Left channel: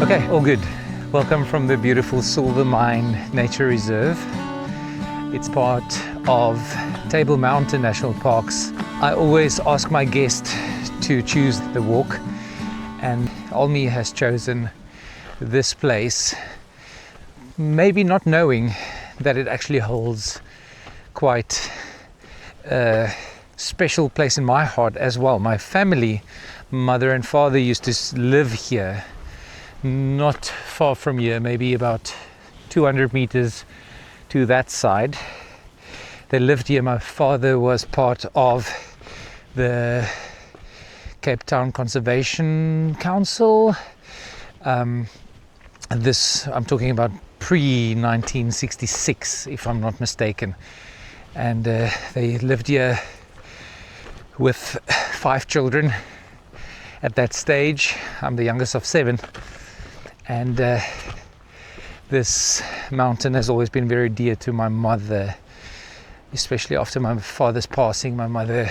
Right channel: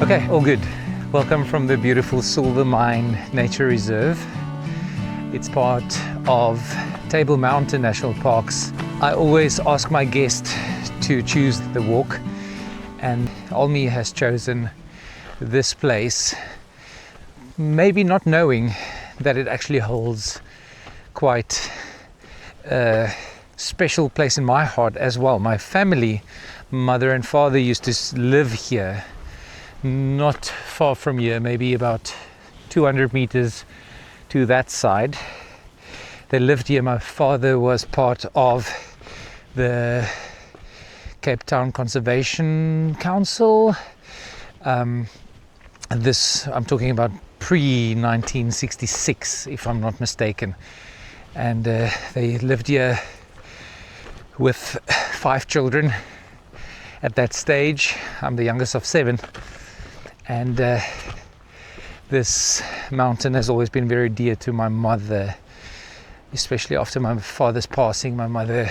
Okay, all good. Welcome from the beautiful Silvermine Nature Reserve. It's part of Table Mountain National Parks. I always ask my guest to choose the walk, and Almi has chosen this place, maybe not knowing that it actually holds quite a special place in my heart as well. My family, mother and father, used to live here, not far from here, maybe about 200 meters to that side. They lived here. My father was part of the Cape Town Conservation Council. I'm talking about pre-1966, if I'm not mistaken. And they lived here with 5 children at that stage. I'm the youngest of 7. And this mountain has always been very dear to my mother, especially after my father's passing. My mother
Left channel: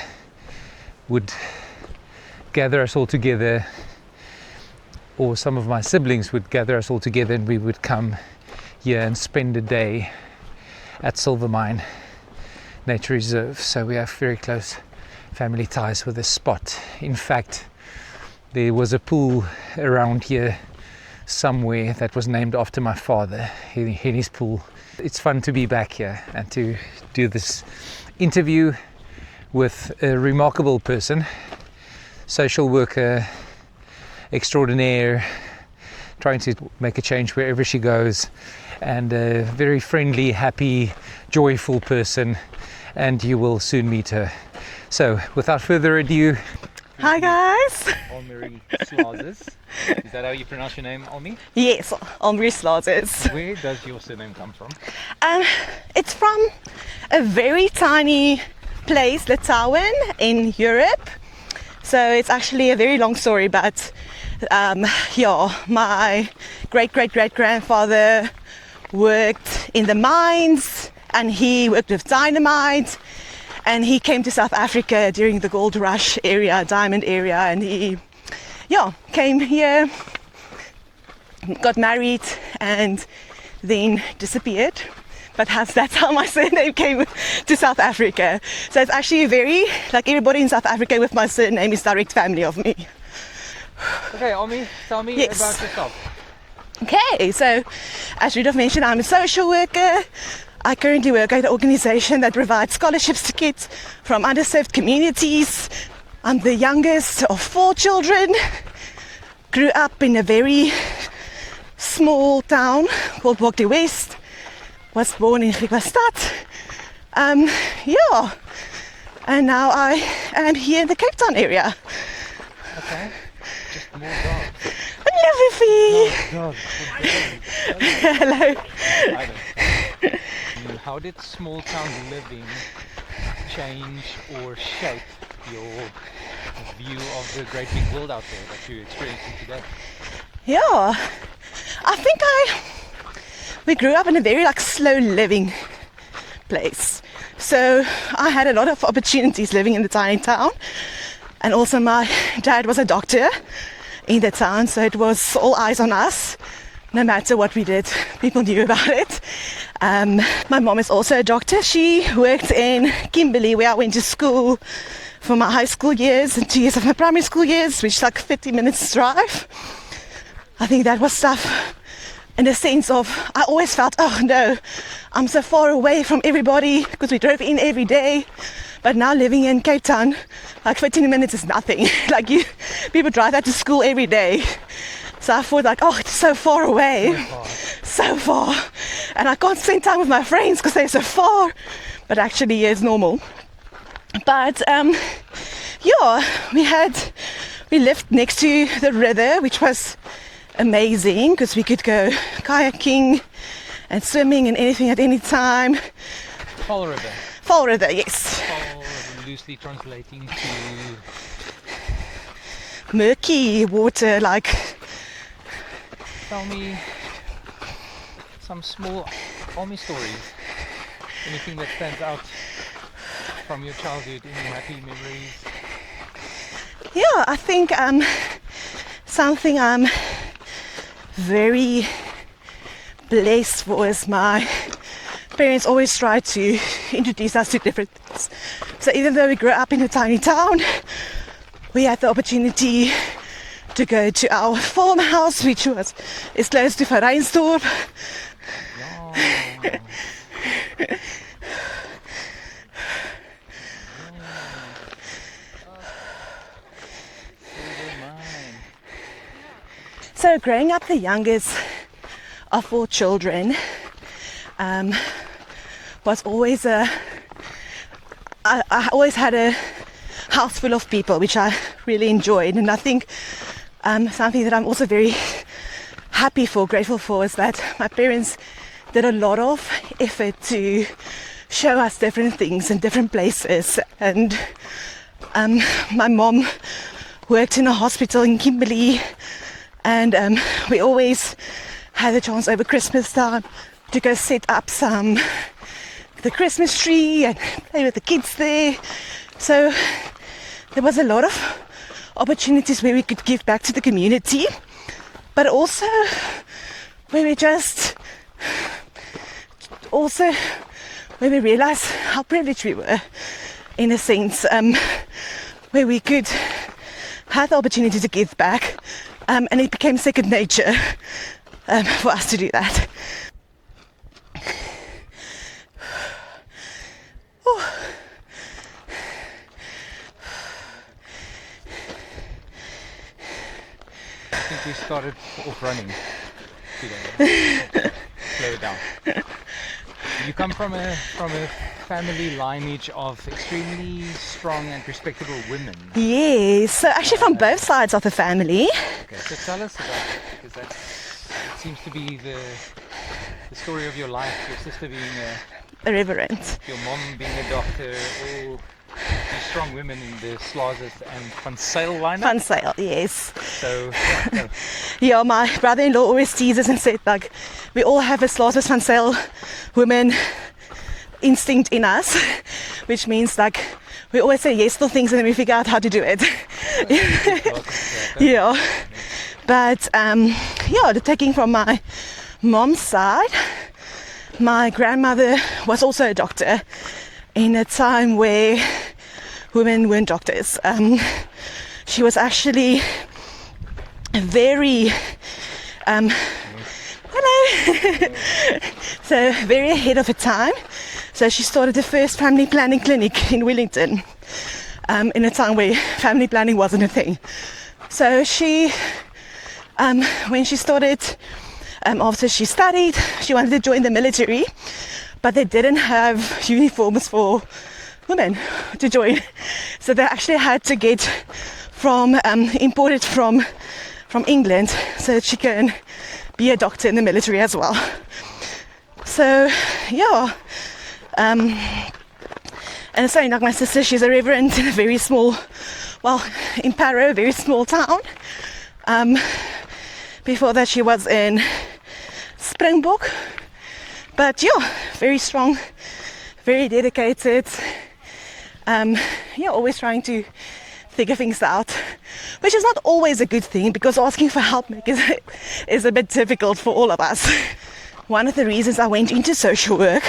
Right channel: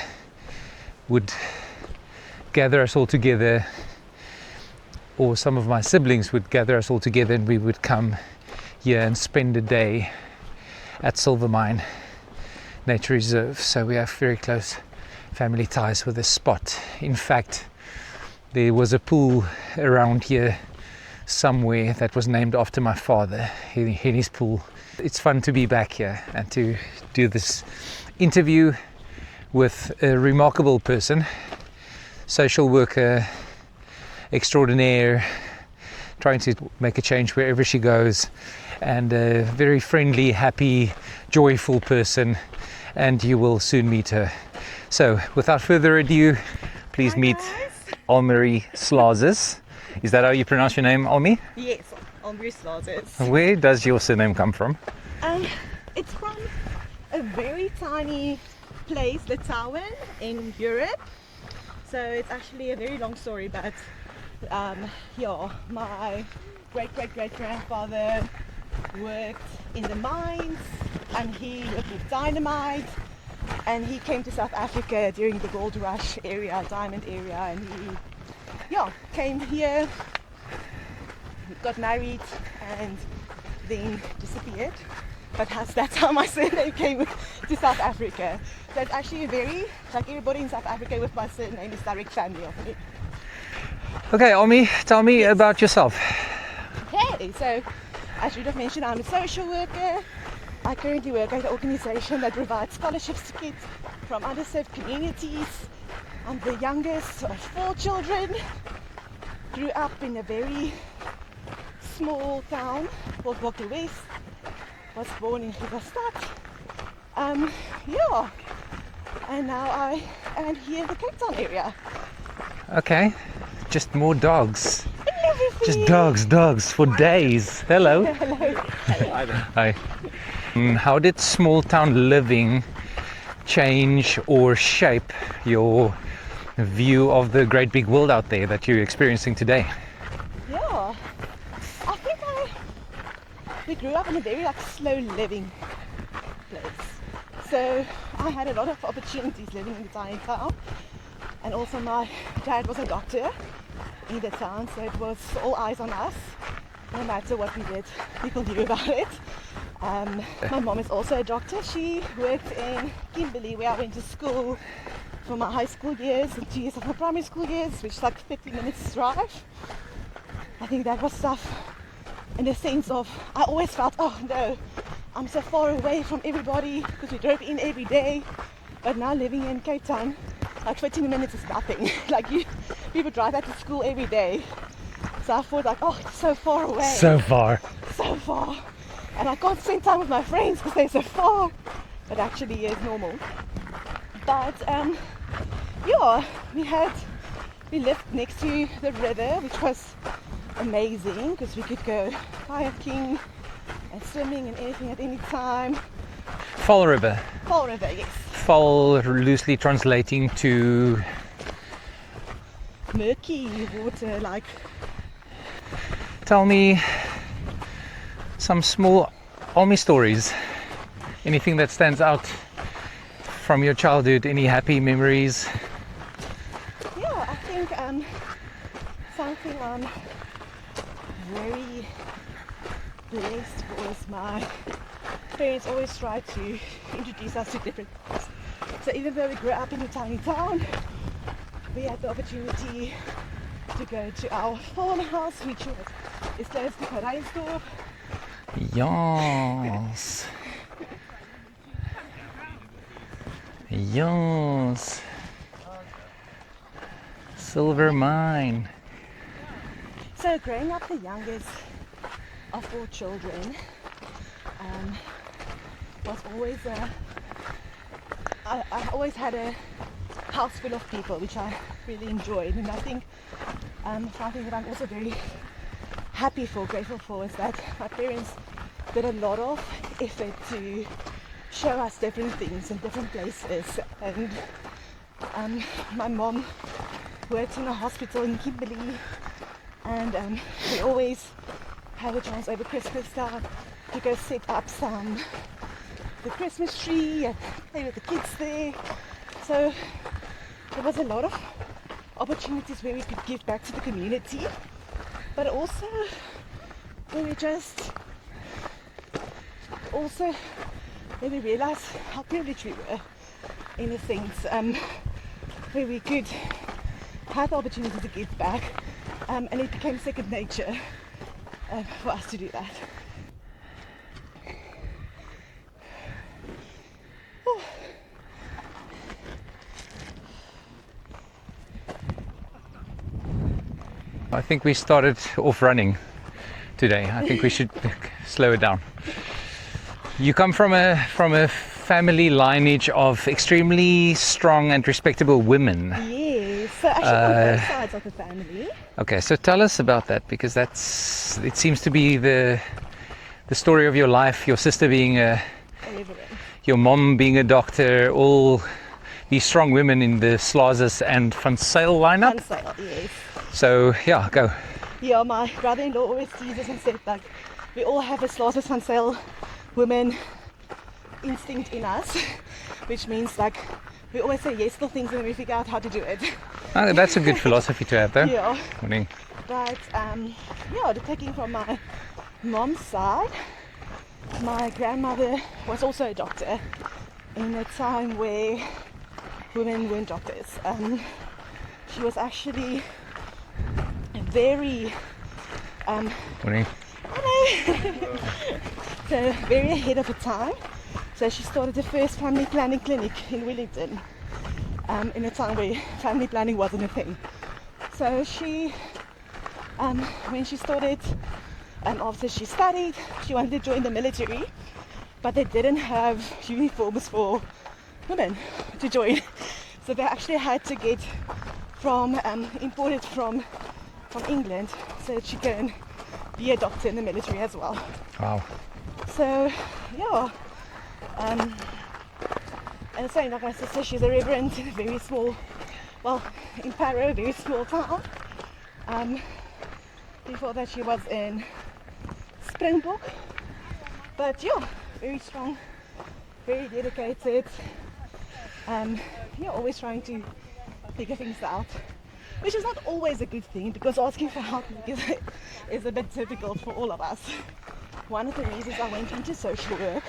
would gather us all together, or some of my siblings would gather us all together, and we would come here and spend a day at Silvermine Nature Reserve. So we have very close family ties with this spot. In fact, there was a pool around here somewhere that was named after my father, Henny's pool. It's fun to be back here and to do this interview with a remarkable person, social worker extraordinaire, trying to make a change wherever she goes, and a very friendly, happy, joyful person, and you will soon meet her. So without further ado, please Hi meet guys. Almarie Slazus. Is that how you pronounce your name, Almi? Yes, Almarie Slazus. Where does your surname come from? It's from a very tiny place, Litauen, in Europe. So it's actually a very long story, but my great-great-great-grandfather worked in the mines, and he worked with dynamite, and he came to South Africa during the gold rush area, diamond area, and he came here, got married, and then disappeared. But that's how my surname came to South Africa. So it's actually very, like everybody in South Africa with my surname is direct family of me. Okay, Almi, tell me about yourself. Okay, so as Rudolph mentioned, I'm a social worker. I currently work at an organization that provides scholarships to kids from underserved communities. I'm the youngest of 4 children. Grew up in a very small town called Watchtower West. Was born in Friesland. And now I am here in the Cape Town area. Okay, just more dogs. Hello, Just dogs for days. Hello. Hello. Hi. How did small town living change or shape your view of the great big world out there that you're experiencing today? Yeah, I think we grew up in a very slow living place. So I had a lot of opportunities living in the tiny town, and also my dad was a doctor in the town, so it was all eyes on us. No matter what we did, people knew about it. My mom is also a doctor. She worked in Kimberley, where I went to school for my high school years and 2 years of my primary school years, which is like 50 minutes drive. I think that was tough in the sense of I always felt, oh no, I'm so far away from everybody, because we drove in every day. But now living in Cape Town, like 15 minutes is nothing. People drive out to school every day. So I thought it's so far away. So far. And I can't spend time with my friends because they're so far. But actually it's normal. But we lived next to the river, which was amazing because we could go kayaking and swimming and anything at any time. Fall River. Fall River, yes. Fall loosely translating to murky water, Tell me some small Almi stories. Anything that stands out from your childhood, any happy memories? Yeah, I think something I'm very blessed was my parents always tried to introduce us to different things. So even though we grew up in a tiny town, we had the opportunity to go to our farmhouse, which was is close to Reinsdorp. Yes. Yes. Silvermine. So growing up the youngest of 4 children was always I always had a house full of people, which I really enjoyed. And I think something that I'm also very happy for, grateful for, is that my parents did a lot of effort to show us different things in different places. And my mom worked in a hospital in Kimberley, and we always had a chance over Christmas time to go set up the Christmas tree and play with the kids there. So there was a lot of opportunities where we could give back to the community, but also where we realized how privileged we were, in a sense, where we could have the opportunity to give back, and it became second nature for us to do that. I think we started off running today. I think we should slow it down. You come from a family lineage of extremely strong and respectable women. Yes, so actually from both sides of the family. Okay, so tell us about that, because it seems to be the story of your life. Your sister being a reverend, your mom being a doctor, all these strong women in the Slazus and Van Zyl lineup. Van Zyl, yes. So yeah, go. Yeah, my brother-in-law always teases and said, like, we all have a Slazus Van Zyl woman instinct in us, which means like we always say yes to things and then we figure out how to do it. Oh, that's a good philosophy to have, though. Yeah. I mean, but taking from my mom's side, my grandmother was also a doctor in a time where women weren't doctors. She was actually very hello. So very ahead of her time. So she started the first family planning clinic in Wellington, in a time where family planning wasn't a thing. So she, when she started, after she studied, she wanted to join the military, but they didn't have uniforms for women to join. So they actually had to get imported from England so that she can be a doctor in the military as well. wow. So, yeah. And saying like my sister, she's a reverend in a very small, in Parow, a very small town. Before that she was in Springbok. But yeah, very strong, very dedicated. Always trying to figure things out, which is not always a good thing, because asking for help is a bit difficult for all of us. One of the reasons I went into social work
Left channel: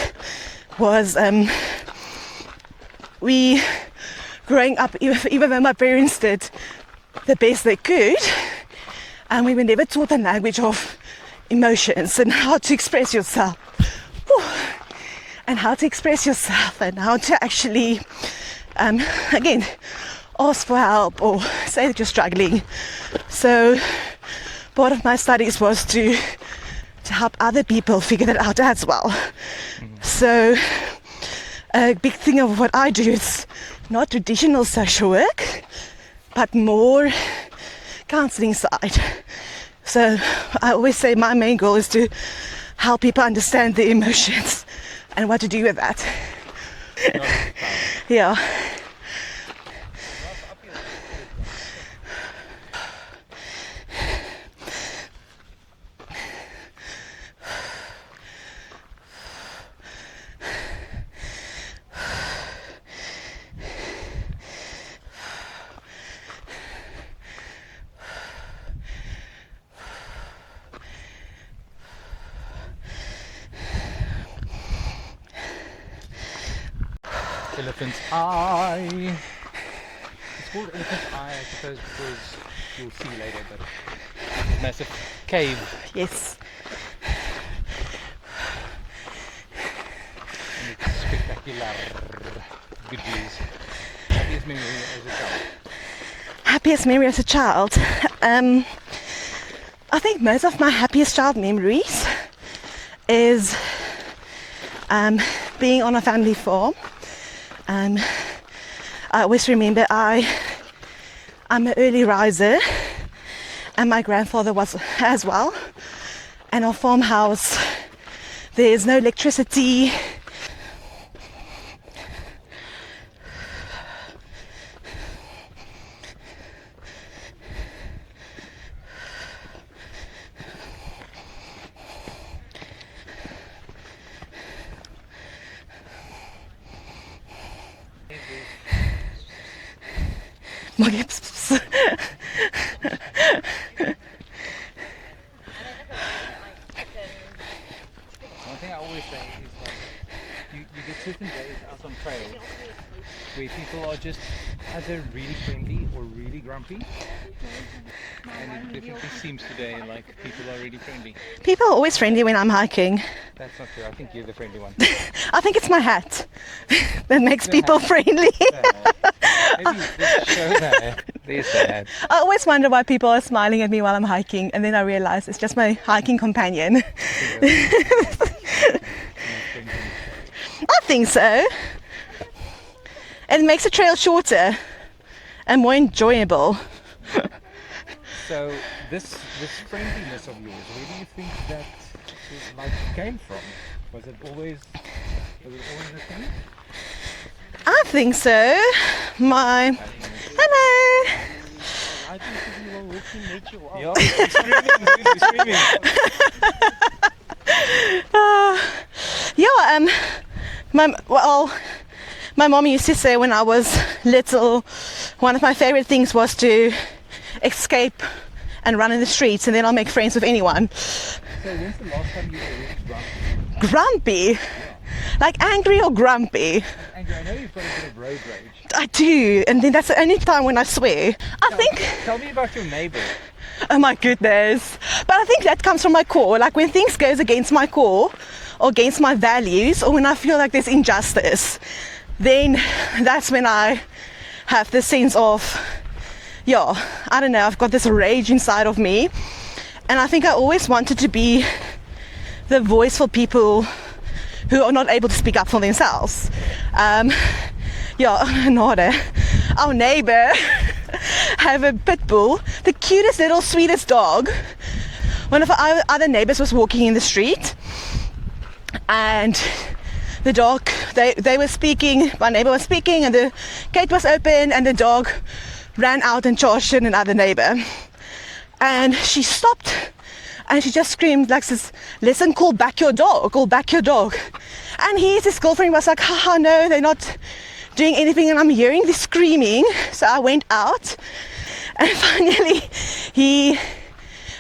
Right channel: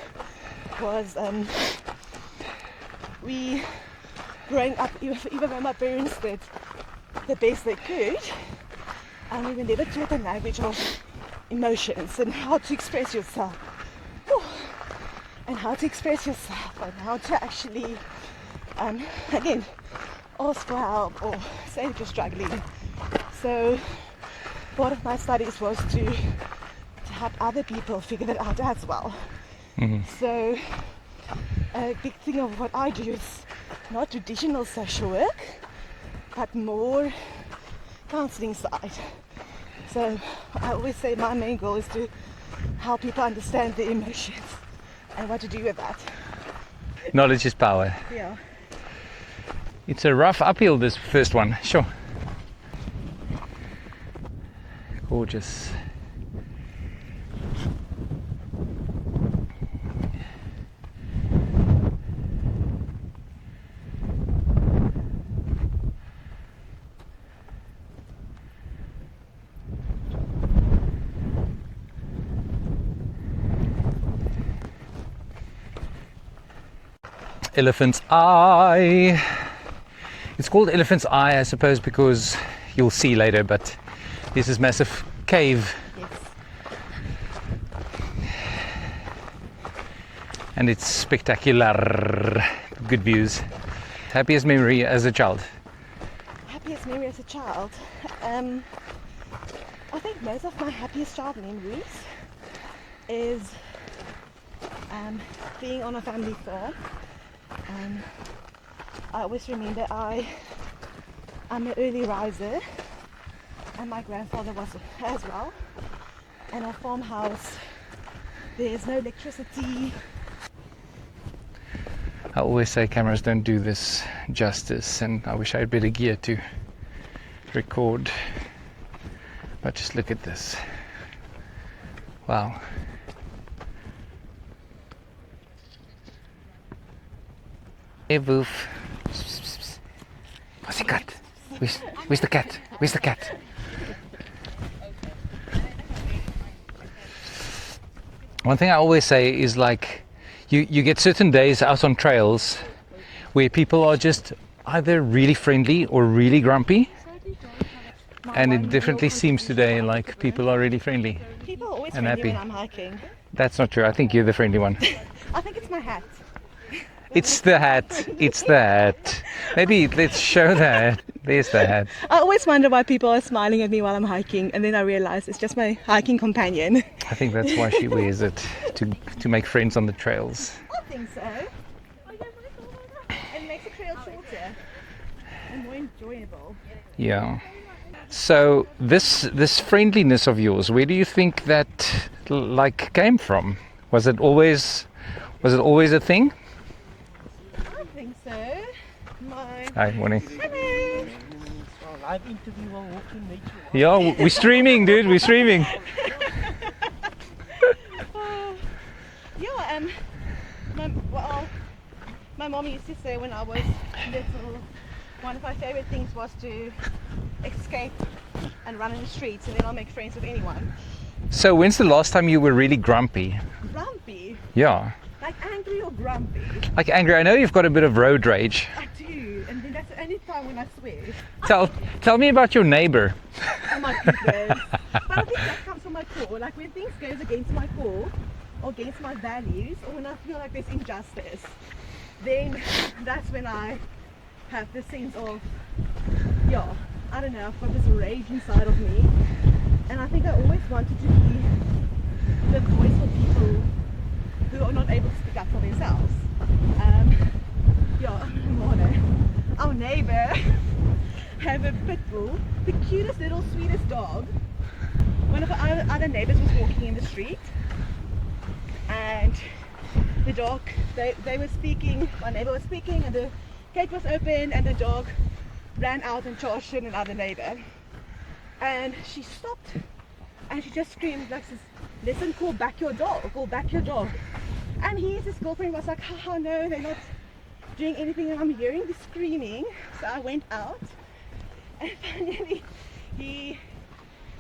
was we, growing up, even though my parents did the best they could, and we were never taught the language of emotions and how to express yourself. And how to express yourself and how to actually, again, ask for help or say that you're struggling. So part of my studies was to help other people figure that out as well. Mm-hmm. So a big thing of what I do is not traditional social work, but more counseling side. So I always say my main goal is to help people understand their emotions and what to do with that. Knowledge is power. Yeah. It's a rough uphill, this first one, sure. Gorgeous. Elephant's Eye. It's called Elephant's Eye, I suppose, because you'll see later, but there's this massive cave. Yes. And it's spectacular. Good views. Happiest memory as a child? Happiest memory as a child? I think most of my happiest child memories is being on a family farm. I always remember I'm an early riser, and my grandfather was as well. And our farmhouse, there's no electricity. I always say cameras don't do this justice, and I wish I had better gear to record. But just look at this. Wow. Hey, Boof. Where's the cat? Where's the cat? One thing I always say is, like, you get certain days out on trails where people are just either really friendly or really grumpy. And it definitely seems today like people are really friendly. People are always friendly when I'm hiking. That's not true. I think you're the friendly one. I think it's my hat that makes the people hat. friendly. It's the hat. Maybe let's show the hat. There's the hat. I always wonder why people are smiling at me while I'm hiking, and then I realize it's just my hiking companion. I think that's why she wears it, to make friends on the trails. I think so. It makes the trail shorter and more enjoyable. Yeah. So this friendliness of yours, where do you think that came from? Was it always a thing? I think so. Hi, morning. Hello. Yeah, we're streaming, dude. We're streaming. My mom used to say when I was little, one of my favorite things was to escape and run in the streets, and then I'll make friends with anyone. So when's the last time you were really grumpy? Grumpy? Yeah. Like angry or grumpy? Like angry. I know you've got a bit of road rage. I do, and then that's the only time when I swear. Tell me about your neighbor. Oh my goodness. But I think that comes from my core. Like when things goes against my core or against my values, or when I feel like there's injustice, then that's when I have this sense of, I don't know, I've got this rage inside of me. And I think I always wanted to be the voice for people who are not able to speak up for themselves. Our neighbor have a pit bull, the cutest little sweetest dog. One of our other neighbors was walking in the street, and the dog, they were speaking, my neighbor was speaking, and the gate was open, and the dog ran out and charged at another neighbor. And she stopped and she just screamed like this, "Listen, call back your dog, call back your dog." And his girlfriend was like, "Haha, no, they're not doing anything," and I'm hearing this screaming. So I went out, and finally he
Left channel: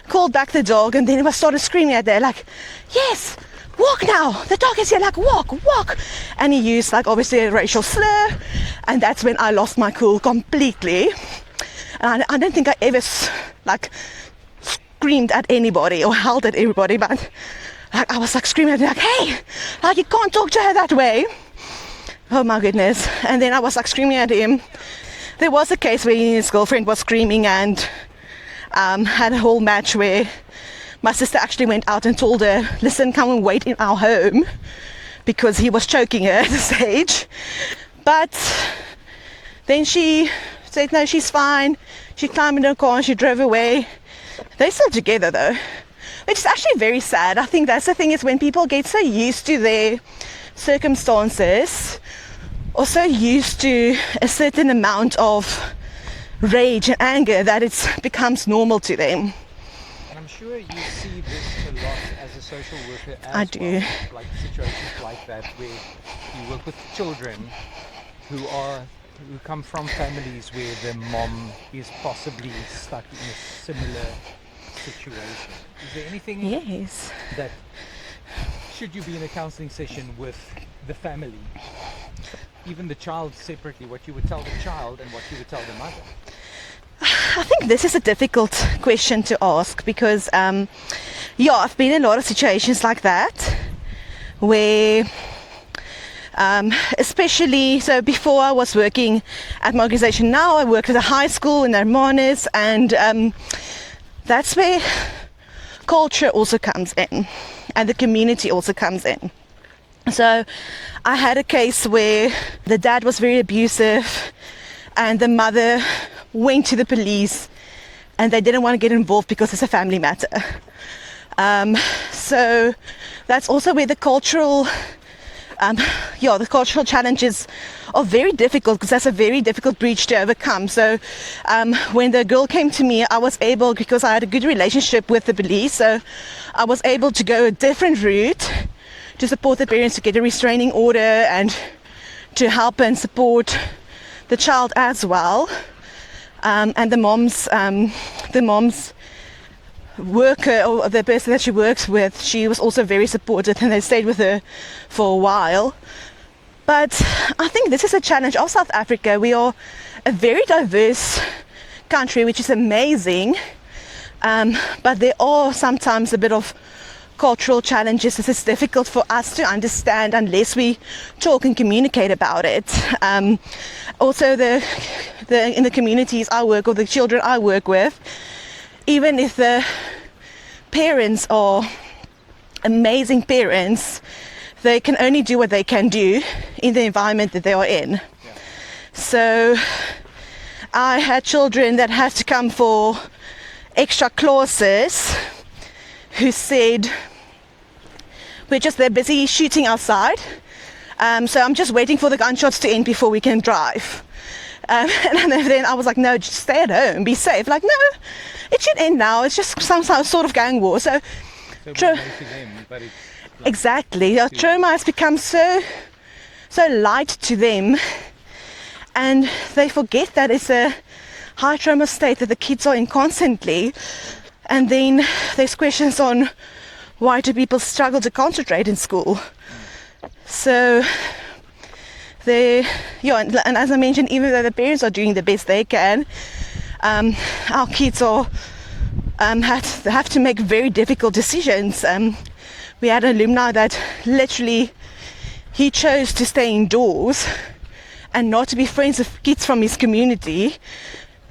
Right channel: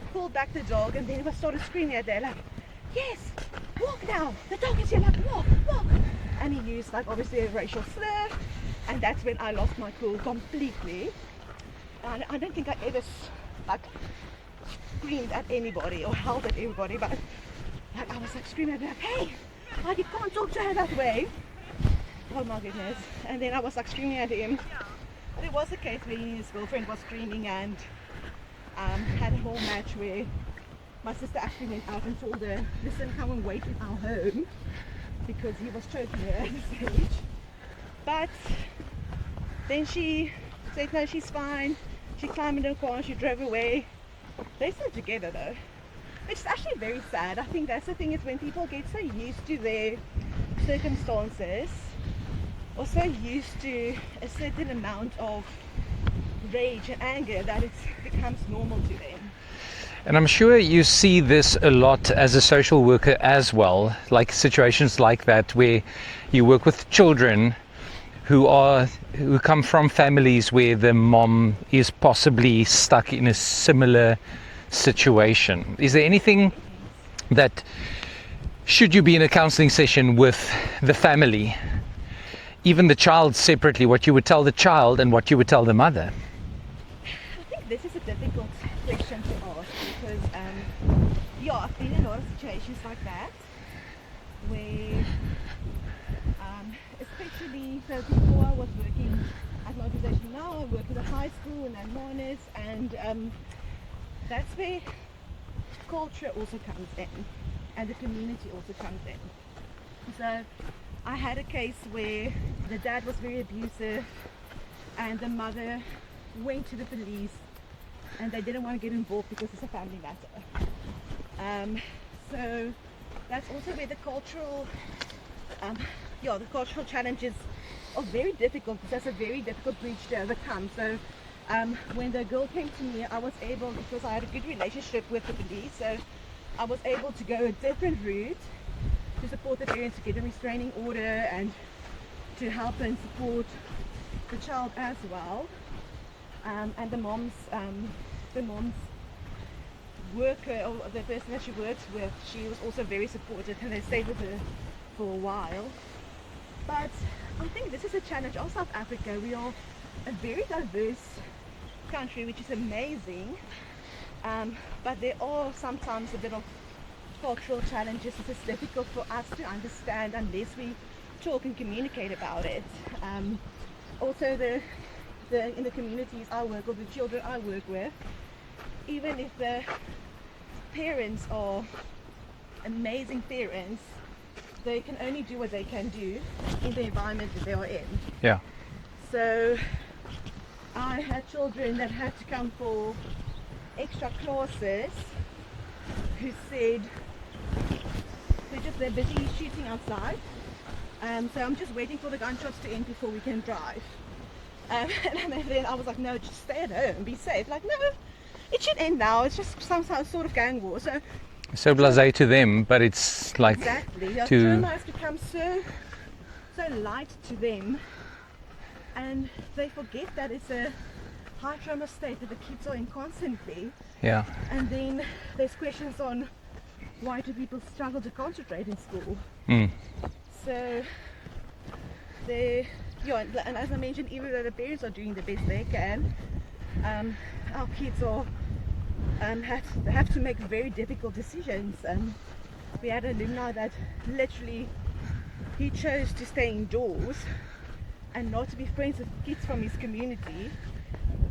called back the dog, and then he started screaming at her like, "Yes, walk now, the dog is here, like walk." And he used like obviously a racial slur, and that's when I lost my cool completely. And I don't think I ever screamed at anybody or howled at everybody, but like, I was like screaming at her like, "Hey, like you can't talk to her that way." Oh my goodness. And then I was like screaming at him. There was a case where his girlfriend was screaming and had a whole match where my sister actually went out and told her, "Listen, come and wait in our home," because he was choking her at the stage. But then she said no, she's fine. She climbed in her car and she drove away. They're still together though, which is actually very sad. I think that's the thing, is when people get so used to their circumstances or so used to a certain amount of rage and anger that it becomes normal to them. And I'm sure you see this a lot as a social worker as well, like situations like that where you work with children who come from families where the mom is possibly stuck in a similar situation. Is there anything that, should you be in a counseling session with the family, even the child separately, what you would tell the child and what you would tell the mother? I think this is a difficult question to ask because, I've been in a lot of situations like that where, especially, so before I was working at my organization, now I work at a high school in Hermanus, and that's where culture also comes in and the community also comes in. So I had a case where the dad was very abusive and the mother went to the police and they didn't want to get involved because it's a family matter. So that's also where the cultural challenges are very difficult, because that's a very difficult breach to overcome. So when the girl came to me, I was able, because I had a good relationship with the police, so I was able to go a different route to support the parents to get a restraining order and to help and support the child as well. And the mom's worker, or the person that she works with, she was also very supportive, and they stayed with her for a while. But I think this is a challenge of South Africa. We are a very diverse country, which is amazing, but there are sometimes a bit of cultural challenges. This is difficult for us to understand unless we talk and communicate about it. Also, in the communities I work, or the children I work with, even if the parents are amazing parents, they can only do what they can do in the environment that they are in. Yeah. So I had children that had to come for extra classes who said, they're busy shooting outside, so I'm just waiting for the gunshots to end before we can drive. And then I was like, no, just stay at home, be safe. Like, no, it should end now. It's just some sort of gang war. So blasé to them, but it's like... Exactly. Trauma has become so light to them, and they forget that it's a high trauma state that the kids are in constantly. Yeah. And then there's questions on why do people struggle to concentrate in school. So and as I mentioned, even though the parents are doing the best they can, our kids are have to make very difficult decisions. We had an alumni that literally, he chose to stay indoors and not to be friends with kids from his community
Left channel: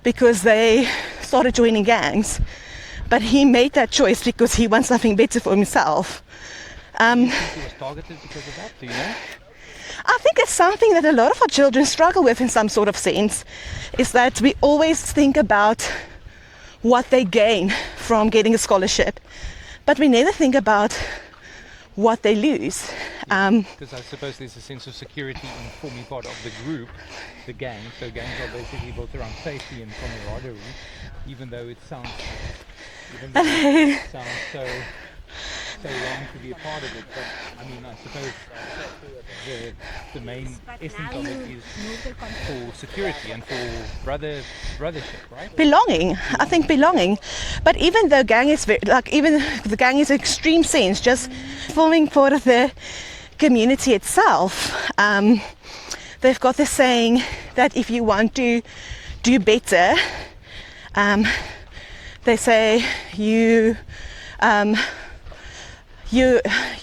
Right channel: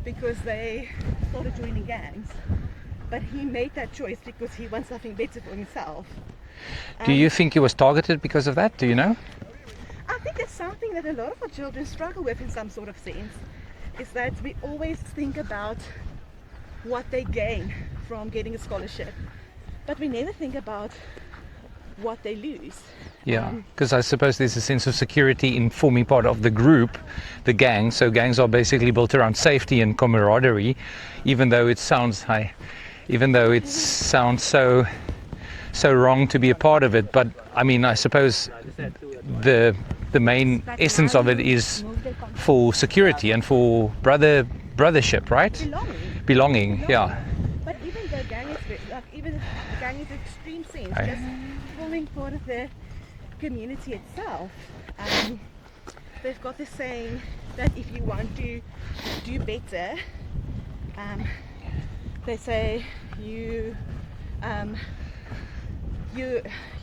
because they started joining gangs. But he made that choice because he wants something better for himself. Do you think he was targeted because of that? Do you know? I think it's something that a lot of our children struggle with in some sort of sense, is that we always think about what they gain from getting a scholarship, but we never think about what they lose. Because I suppose there's a sense of security in forming part of the group, the gang. So gangs are basically built around safety and camaraderie, even though it sounds so wrong to be a part of it. But I mean, I suppose the main essence of it is for security and for brothership, right? Belonging. I think belonging. Yeah. But even though gang is even the gang is an extreme sense, right, just forming part of the community itself. They've got this saying that if you want to do better, they say you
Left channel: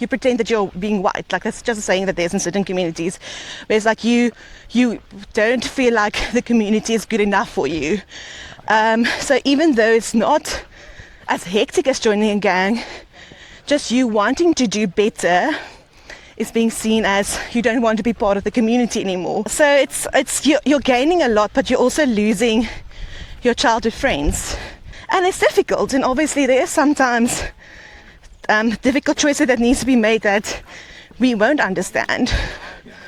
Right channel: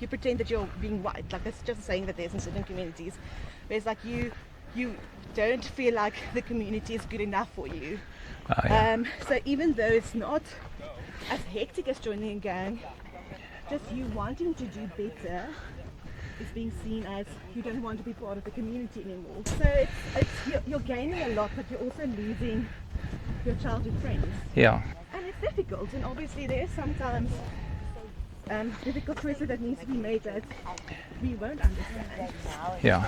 pretend that you're being white. Like, that's just a saying that there's in certain communities, where it's like you don't feel like the community is good enough for you. So even though it's not as hectic as joining a gang, just you wanting to do better is being seen as you don't want to be part of the community anymore. So it's you're gaining a lot, but you're also losing your childhood friends. Yeah. And it's difficult, and obviously there is sometimes difficult choices that needs to be made that we won't understand. Yeah.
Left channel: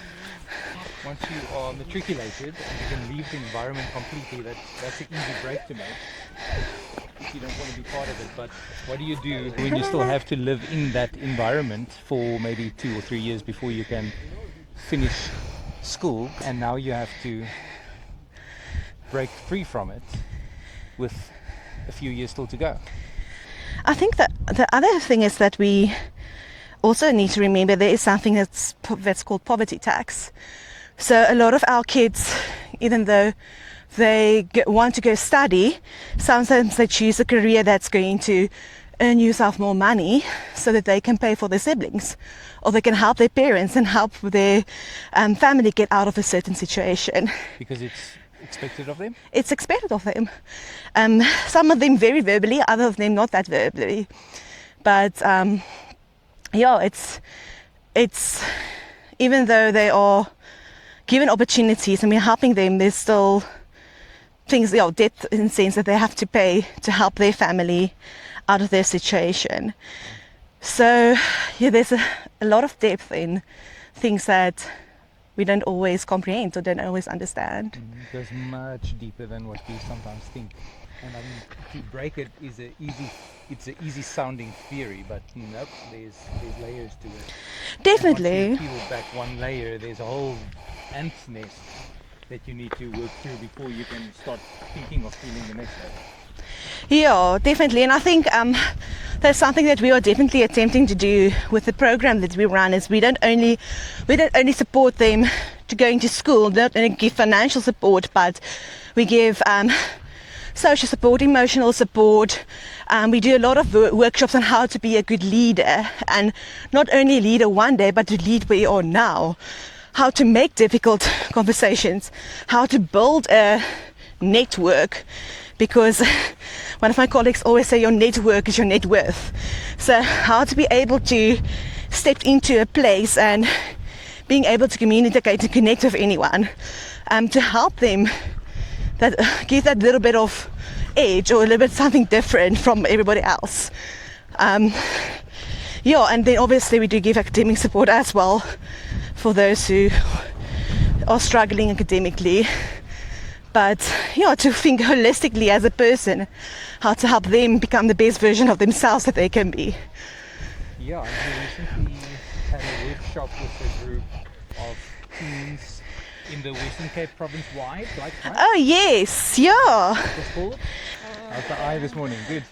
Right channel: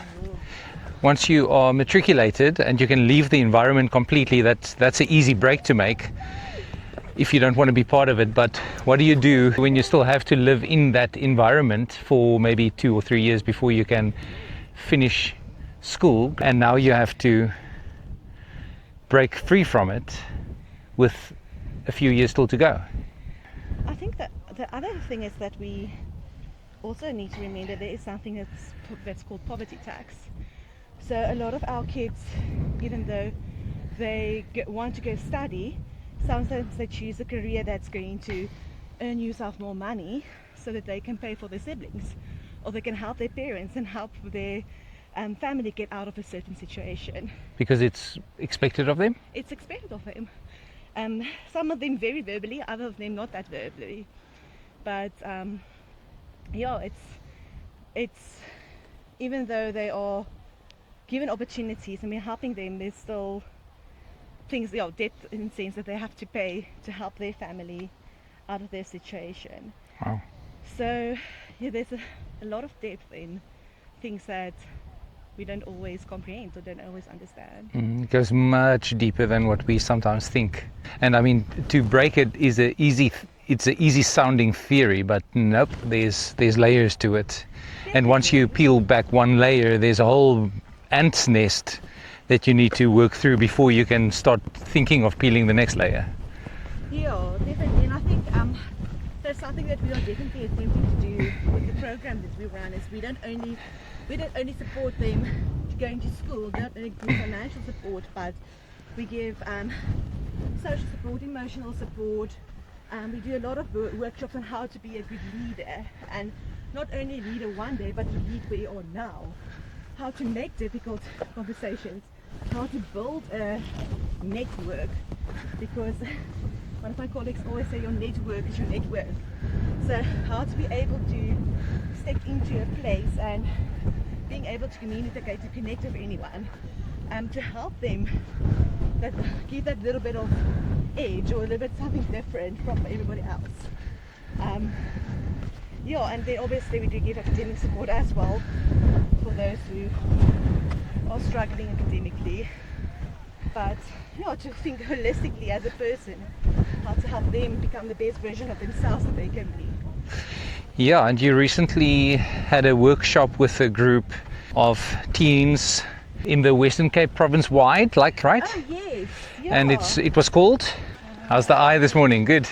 Once you are matriculated and you can leave the environment completely, that's an easy break to make if you don't want to be part of it. But what do you do when you still have to live in that environment for maybe 2 or 3 years before you can finish school, and now you have to break free from it with a few years still to go? I think that the other thing is that we also need to remember there is something that's called poverty tax, So a lot of our kids, even though they want to go study, sometimes they choose a career that's going to earn yourself more money so that they can pay for their siblings, or they can help their parents and help their family get out of a certain situation. Because it's expected of them? It's expected of them. Some of them very verbally, other of them not that verbally. But it's even though they are given opportunities and we're helping them, there's still things, depth in the sense that they have to pay to help their family out of their situation. Wow. So there's a lot of depth in things that we don't always comprehend or don't always understand. It goes much deeper than what we sometimes think. And I mean, to break it is it's an easy sounding theory, but nope, there's layers to it. Definitely. And once you peel back one layer, there's a whole ant's nest that you need to work through before you can start thinking of peeling the next layer. Yeah, definitely. And I think that's something that we are definitely attempting to do with the program that we run. Is we don't only support them to going to school, not only give financial support, but we give social support, emotional support. We do a lot of workshops on how to be a good leader, and not only a leader one day, but to lead where you are now. How to make difficult conversations, how to build a network, because one of my colleagues always say your network is your net worth. So how to be able to step into a place and being able to communicate and connect with anyone, to help them, that give that little bit of edge or a little bit something different from everybody else. And then obviously we do give academic support as well for those who are struggling academically. But to think holistically as a person, how to help them become the best version of themselves that they can be. Yeah, and you recently had a workshop with a group of teens in the Western Cape province wide, right? Oh yes, yeah. And it was called? How's the eye this morning? Good.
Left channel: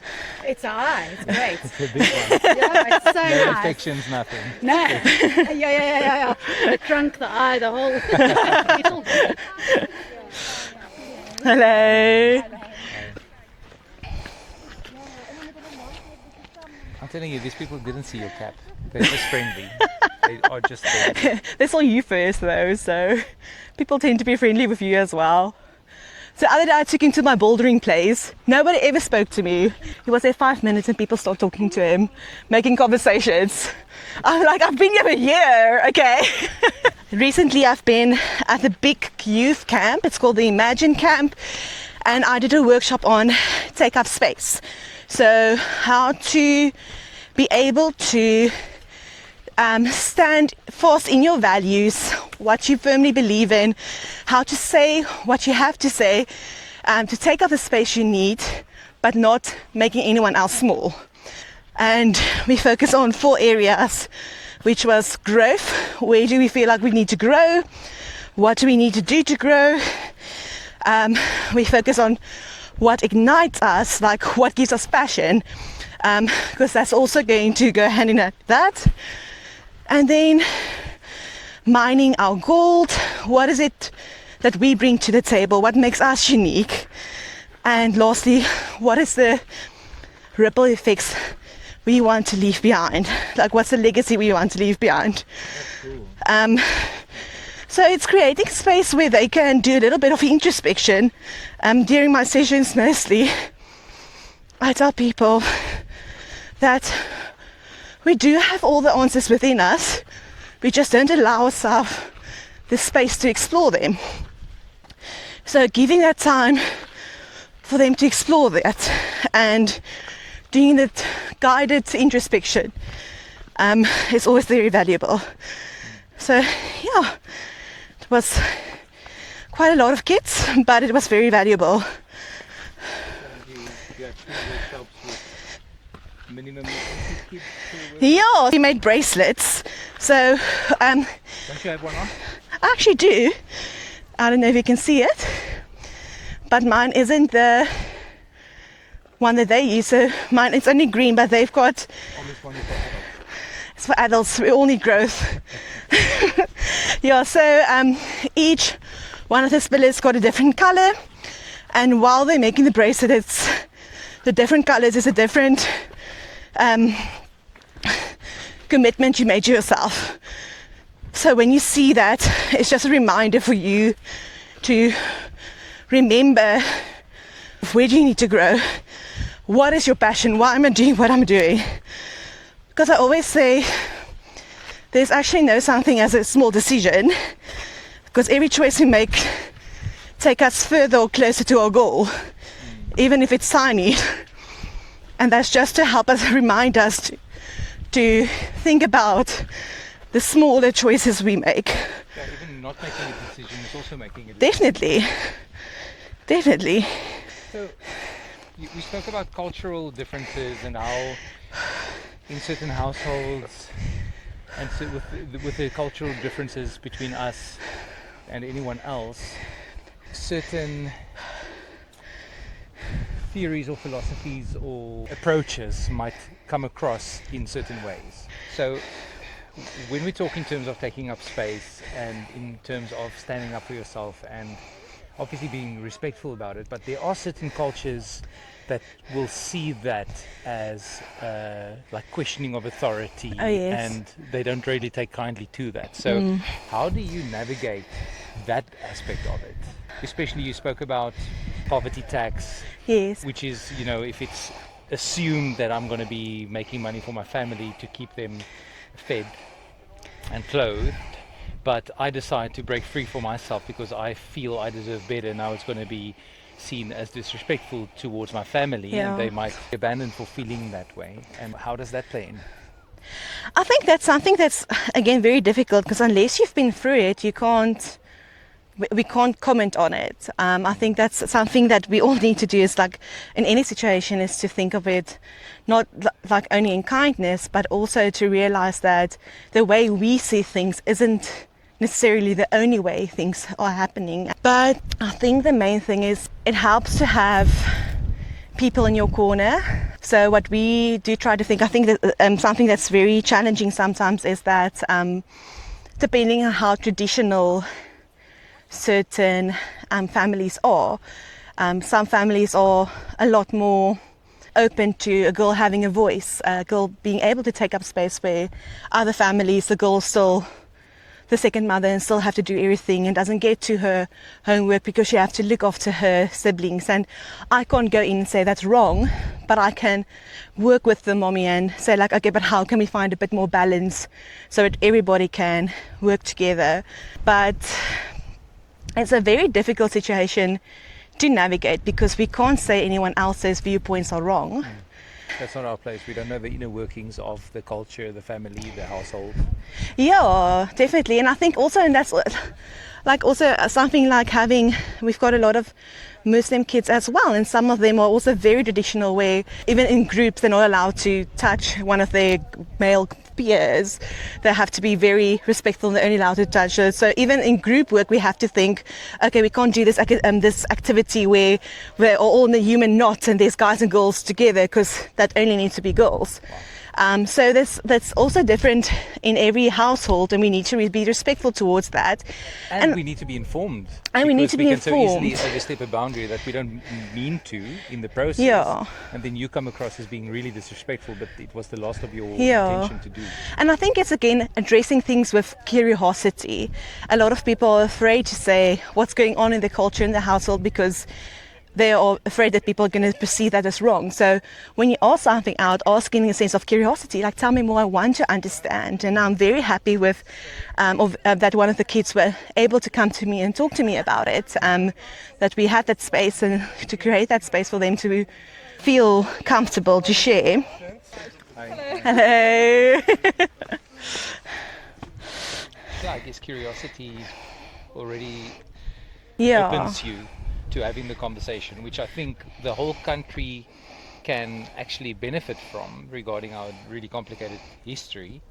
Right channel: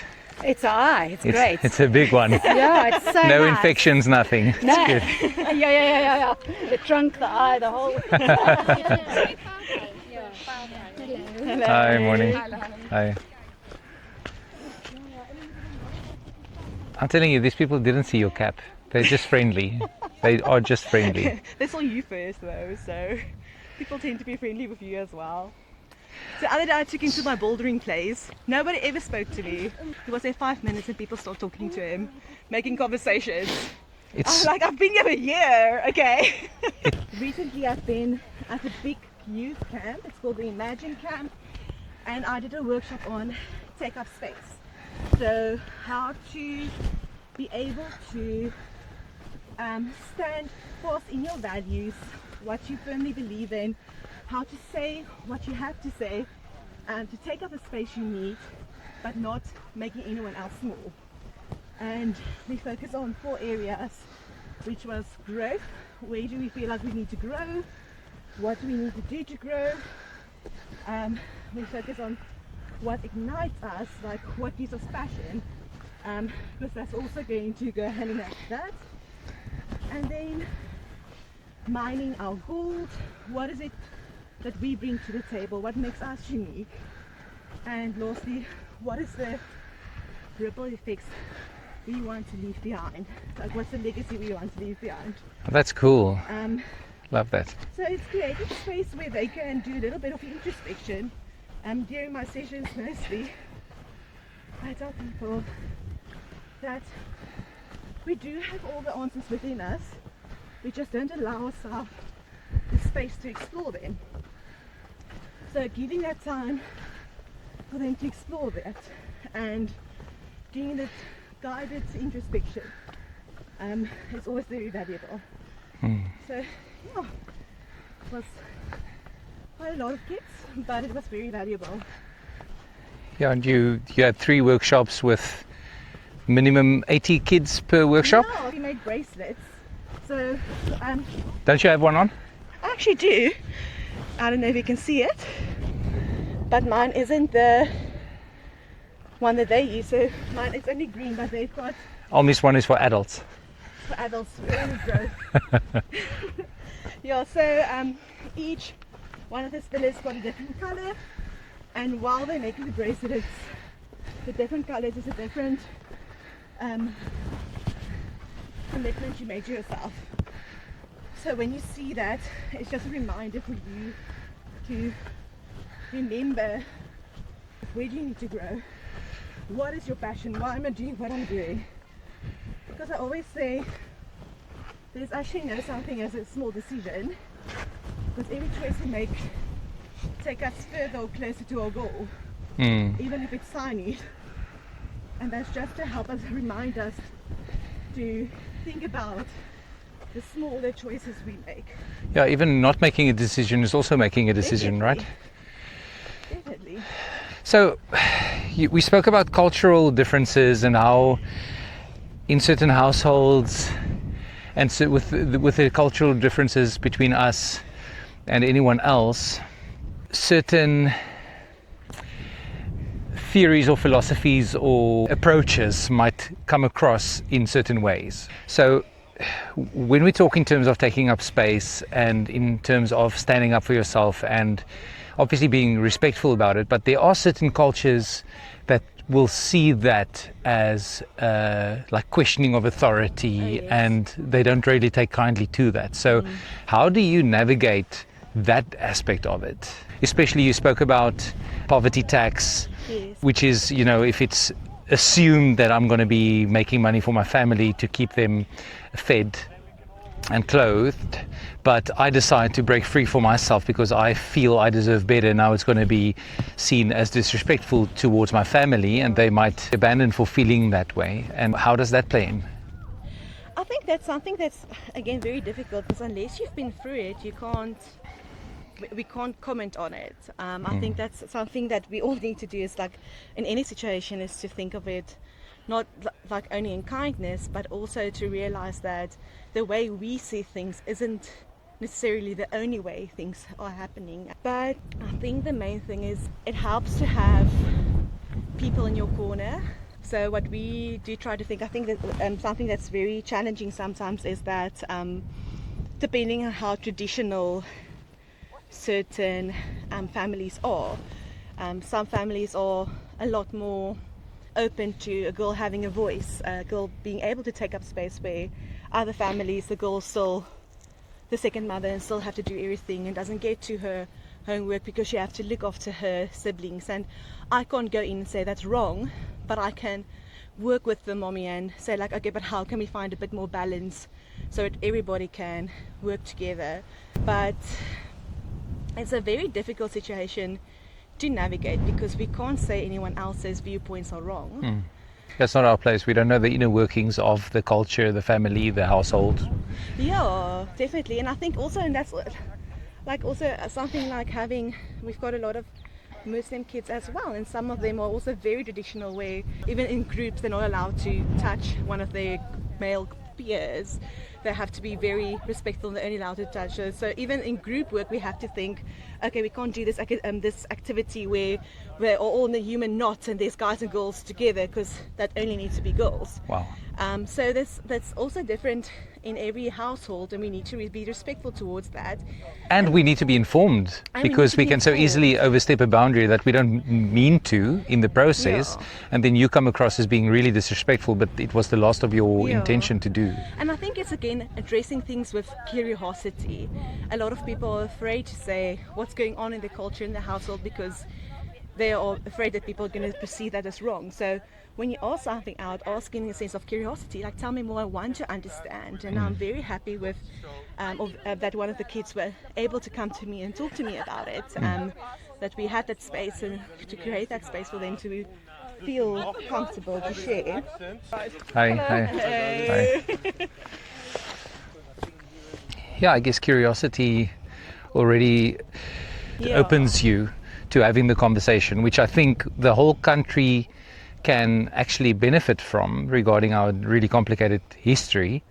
It's an eye. It's great. It's a big one. Yeah, it's so No nice. infections, nothing. No. Yeah. It drunk the eye the whole. Hello. Hi, morning. Hi. I'm telling you, these people didn't see your cap. They're just friendly. They are just friendly. They saw you first though, so people tend to be friendly with you as well. So the other day I took him to my bouldering place. Nobody ever spoke to me. He was there 5 minutes and people started talking to him, making conversations. I'm like, I've been here a year, okay? Recently I've been at the big youth camp. It's called the Imagine Camp. And I did a workshop on take up space. So how to be able to stand fast in your values, what you firmly believe in, how to say what you have to say, to take up the space you need, but not making anyone else small. And we focus on 4 areas, which was growth. Where do we feel like we need to grow? What do we need to do to grow? We focus on what ignites us, like what gives us passion, because that's also going to go hand in hand with that. And then mining our gold. What is it that we bring to the table? What makes us unique? And lastly, what is the ripple effects we want to leave behind? Like, what's the legacy we want to leave behind? That's cool. Love that. So it's creating space where they can do a little bit of introspection. During my sessions mostly, I tell people that we do have all the answers within us. We just don't allow ourselves the space to explore them. So giving that time for them to explore that and doing that guided introspection is always very valuable. So yeah, it was quite a lot of kids, but it was very valuable. Yeah, and you had 3 workshops with minimum 80 kids per workshop? Yeah, we made bracelets. So Don't you have one on? I actually do. I don't know if you can see it, but mine isn't the one that they use. So mine, it's only green, but they've got... Almi's one is for adults. It's for adults. We all need growth. Yeah, so each one of the spillets got a different color, and while they're making the bracelet, it's the different colors is a different commitment you made to yourself. So when you see that, it's just a reminder for you to remember, where do you need to grow? What is your passion? Why am I doing what I'm doing? Because I always say there's actually no something as a small decision, because every choice we make take us further or closer to our goal, even if it's tiny. And that's just to help us, remind us to think about the smaller choices we make. Yeah, even not making a decision is also making a decision, Definitely. right? Definitely. So we spoke about cultural differences and how in certain households, and so with the cultural differences between us and anyone else, certain theories or philosophies or approaches might come across in certain ways. So when we talk in terms of taking up space and in terms of standing up for yourself and obviously being respectful about it, but there are certain cultures that will see that as like questioning of authority, and they don't really take kindly to that. So how do you navigate that aspect of it? Especially, you spoke about poverty tax, which is, you know, if it's assumed that I'm going to be making money for my family to keep them fed and clothed, but I decide to break free for myself because I feel I deserve better. Now it's going to be seen as disrespectful towards my family, and they might abandon for feeling that way. And how does that play in? I think that's something that's, again, very difficult, because unless you've been through it, we can't comment on it. I think that's something that we all need to do, is like in any situation, is to think of it not like only in kindness, but also to realize that the way we see things isn't necessarily the only way things are happening. But I think the main thing is it helps to have people in your corner. So what we do try to think, I think that something that's very challenging sometimes is that depending on how traditional certain families are, some families are a lot more open to a girl having a voice, a girl being able to take up space, where other families, the girl's still the second mother and still have to do everything and doesn't get to her homework because she has to look after her siblings. And I can't go in and say that's wrong, but I can work with the mommy and say, like, okay, but how can we find a bit more balance so that everybody can work together? But it's a very difficult situation to navigate, because we can't say anyone else's viewpoints are wrong. That's not our place. We don't know the inner workings of the culture, the family, the household. Yeah, definitely. And I think also, and that's like also something like we've got a lot of Muslim kids as well, and some of them are also very traditional, where even in groups they're not allowed to touch one of their male peers. They have to be very respectful and they're only allowed to touch her. So even in group work we have to think, okay, we can't do this activity where we're all in a human knot and there's guys and girls together, because that only needs to be girls. Wow. So that's also different in every household, and we need to be respectful towards that. And we need to be informed, because we can so easily overstep a boundary that we don't mean to in the process. Yeah. And then you come across as being really disrespectful, but it was the last of your intention to do. And I think it's, again, addressing things with curiosity. A lot of people are afraid to say what's going on in the culture in the household, because they are afraid that people are going to perceive that as wrong. So when you ask something out, asking in a sense of curiosity, like, tell me more, I want to understand. And I'm very happy with that one of the kids were able to come to me and talk to me about it, that we had that space, and to create that space for them to feel comfortable to share. Hi. Hello. Hi. Yeah, I guess curiosity already opens you to having the conversation, which I think the whole country can actually benefit from, regarding our really complicated history.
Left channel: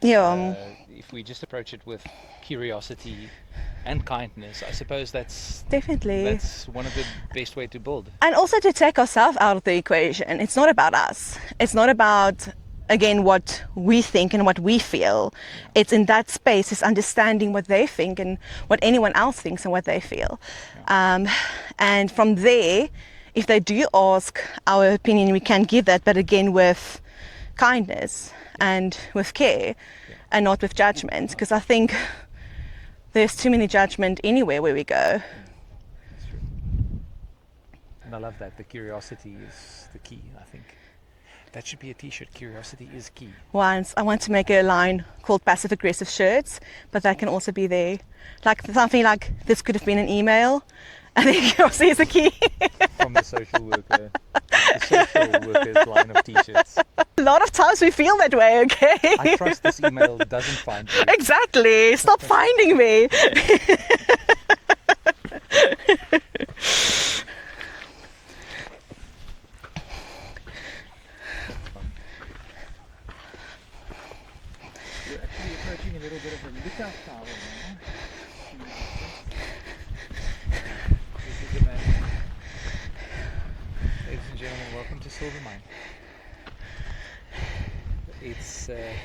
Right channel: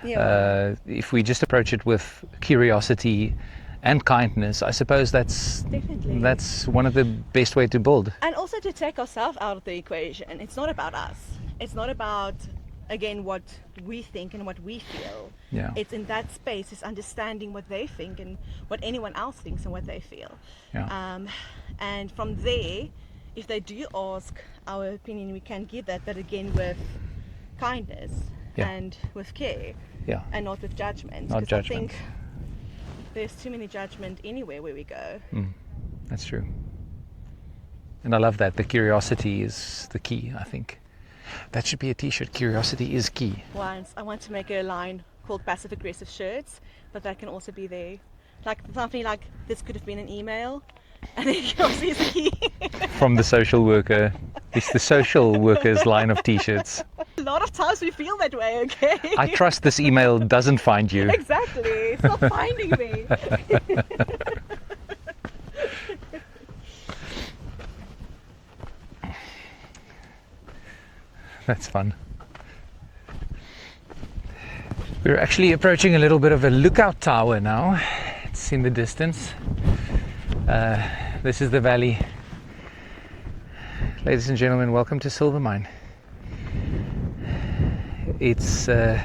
If we just approach it with curiosity and kindness, I suppose that's one of the best way to build. And also to take ourselves out of the equation. It's not about us. It's not about again, what we think and what we feel. Yeah. It's in that space, it's understanding what they think and what anyone else thinks and what they feel. Yeah. And from there, if they do ask our opinion, we can give that, but again with kindness and with care, and not with judgment, because I think there's too many judgment anywhere where we go. That's true. And I love that. The curiosity is the key, I think. That should be a t-shirt. Curiosity is key. Once I want to make a line called passive aggressive shirts, but that can also be there. Like something like, this could have been an email. I think curiosity is the key. From the social worker. It's the social worker's line of t-shirts. A lot of times we feel that way, okay? I trust this email doesn't find you. Exactly. Stop finding me. That's fun. We're actually approaching a little bit of a lookout tower now. It's in the distance. This is the valley. Ladies and gentlemen, welcome to Silvermine. It's a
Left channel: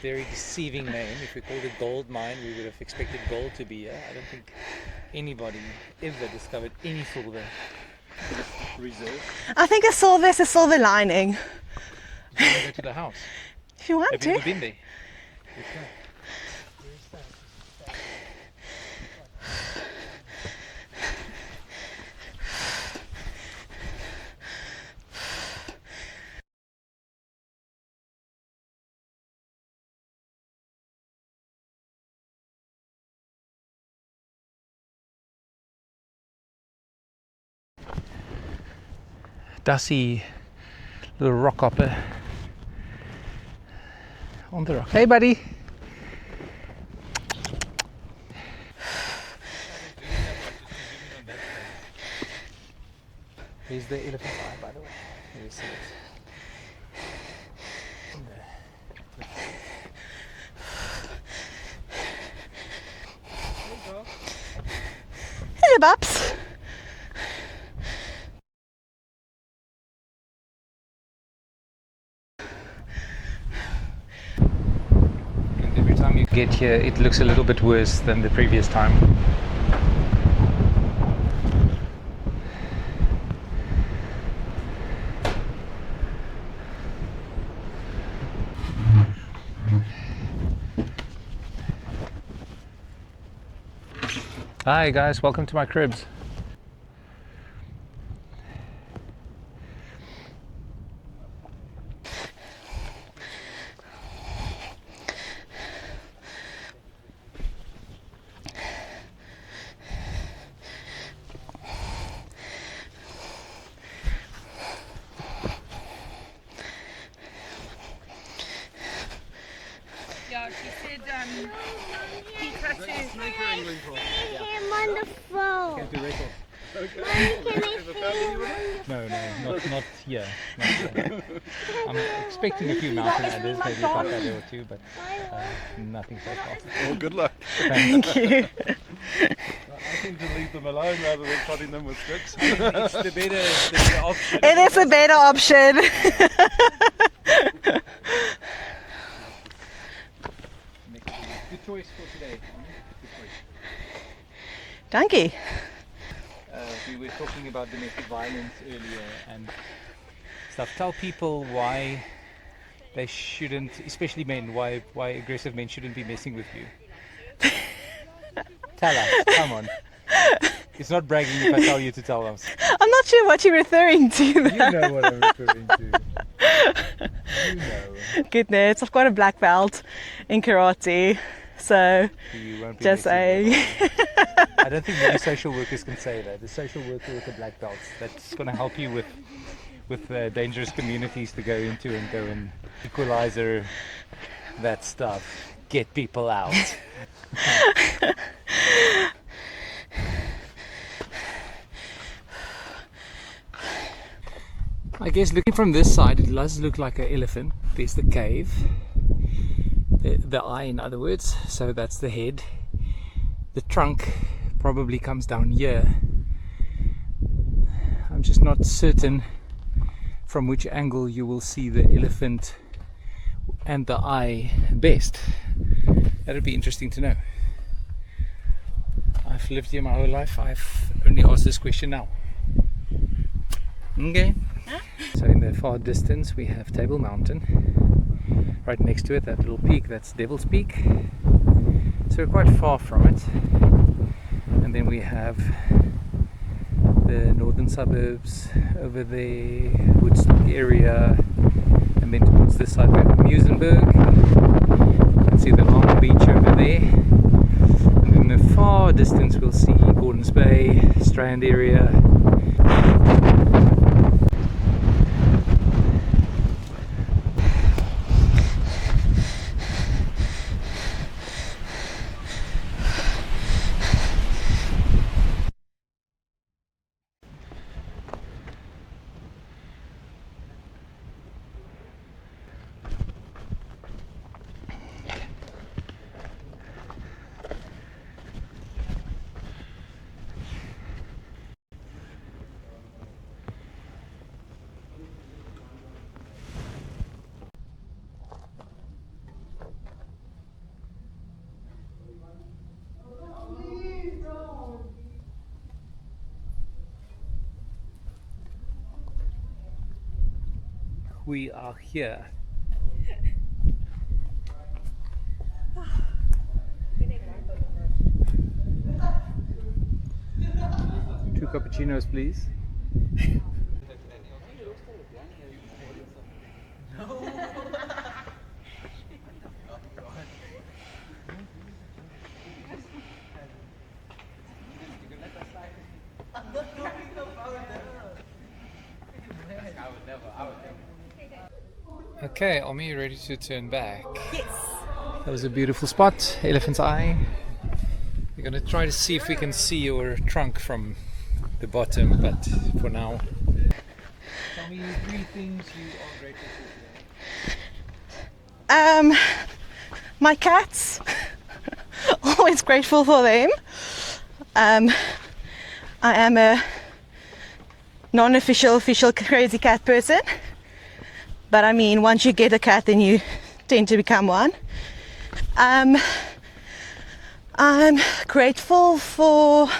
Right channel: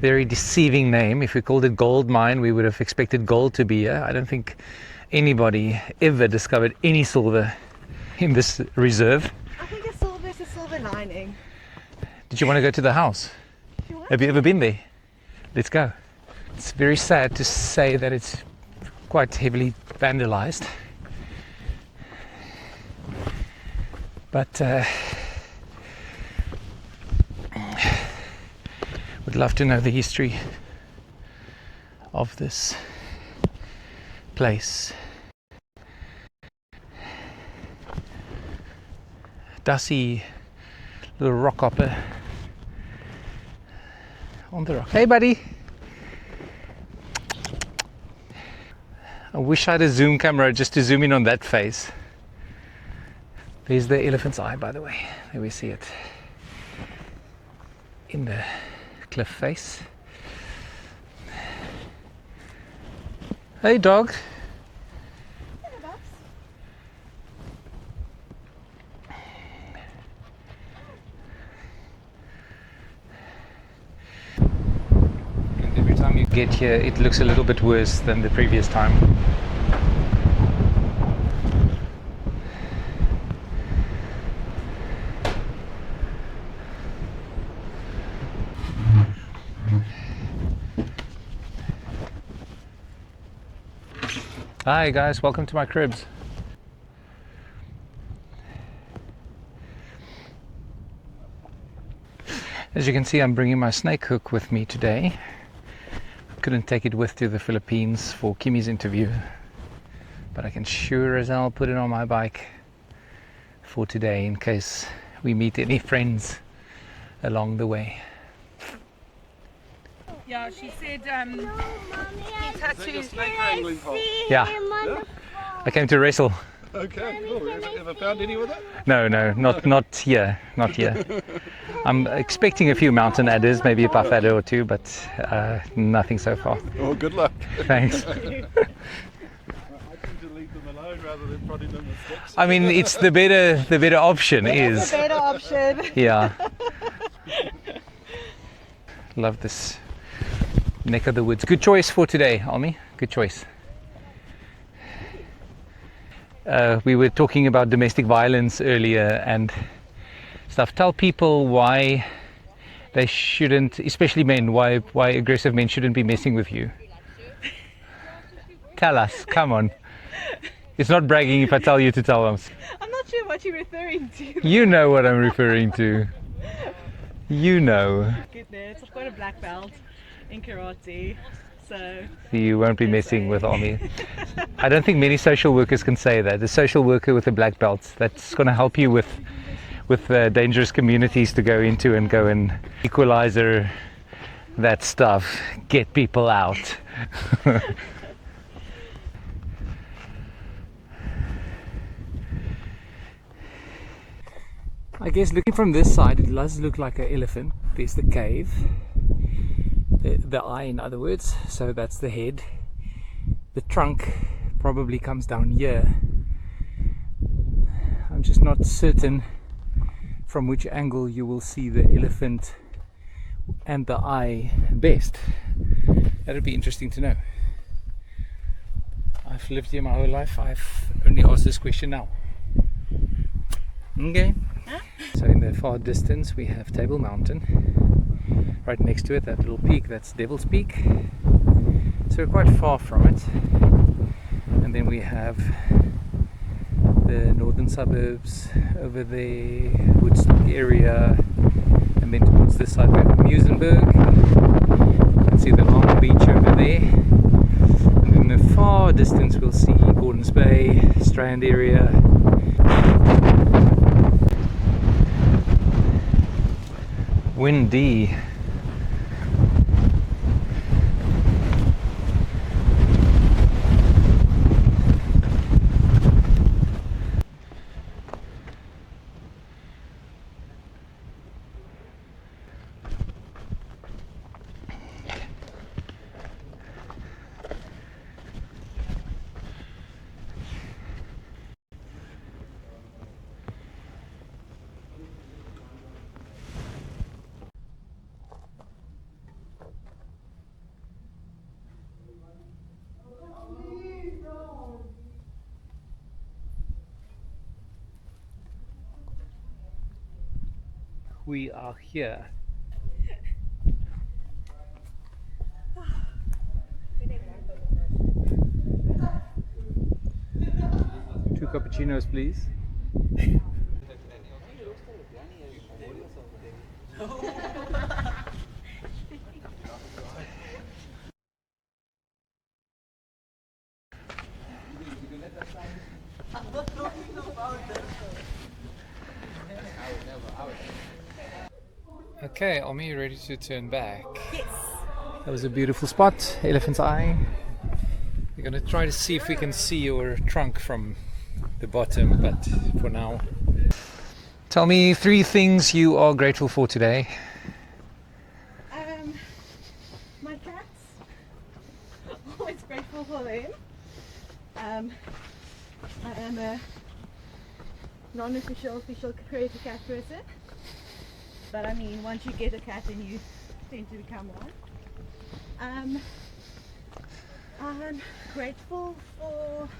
very deceiving name. If we called it gold mine, we would have expected gold to be here. I don't think anybody ever discovered any silver in this reserve. I think a silver is a silver lining. Did you want to go to the house? If you want Have to. you ever been there? Let's go. It's very sad to say that it's quite heavily vandalized. But would love to know the history of this place. Dusty little rock hopper on the rock. Hey buddy! I wish I had a zoom camera just to zoom in on that face. There's the elephant's eye, by the way. There we see it. In the cliff face. Hey dog! Hey, Babs. And every time you get here, it looks a little bit worse than the previous time. Hi guys, welcome to my cribs. As you can see, I'm bringing my snake hook with me today. Couldn't take it with to the Philippines for Kimi's interview, but I can sure as hell put it on my bike for today in case we meet any friends along the way. Yeah, she said he touches. Yeah, I came to wrestle. Okay, cool. Ever found any with it? No, not here, not here. I'm expecting a few mountain adders, maybe a puff adder or two, but nothing so far. Well, good luck. Thanks. Thank you. I seem to leave them alone rather than prodding them with sticks. I mean, it's the better option. It is a better option. Yeah. Love this neck of the woods. Good choice for today, Almi. Good choice. Thank you. We were talking about domestic violence earlier and stuff. Tell people why they shouldn't, especially men, why aggressive men shouldn't be messing with you. Tell us, come on. It's not bragging if I tell you to tell them. I'm not sure what you're referring to. You know what I'm referring to. You know. Goodness, I've got a black belt in karate, so You won't be Just messing with saying. Almi. I don't think many social workers can say that. The social worker with a black belt, that's going to help you with dangerous communities to go into and go and equalizer that stuff, get people out. I guess looking from this side, it does look like an elephant. There's the cave, the eye in other words, so that's the head. The trunk probably comes down here. I'm just not certain from which angle you will see the elephant and the I best? That'd be interesting to know. I've lived here my whole life. I've only asked this question now. Okay. So in the far distance we have Table Mountain. Right next to it, that little peak, that's Devil's Peak. So we're quite far from it. And then we have the northern suburbs over the Woodstock area. And then towards this side we have Muizenberg. You can see the long beach over there. And in the far distance we'll see Gordons Bay, Strand area. Windy. We are here. 2 cappuccinos, please. Okay, Almi, you ready to turn back? Yes. That was a beautiful spot, Elephant's Eye. We're going to try to see if we can see your trunk from the bottom, but for now. Tell me 3 things you are grateful for today. My cats. Always grateful for them. I am a non-official, official crazy cat person. But I mean, once you get a cat, then you tend to become one. I'm grateful for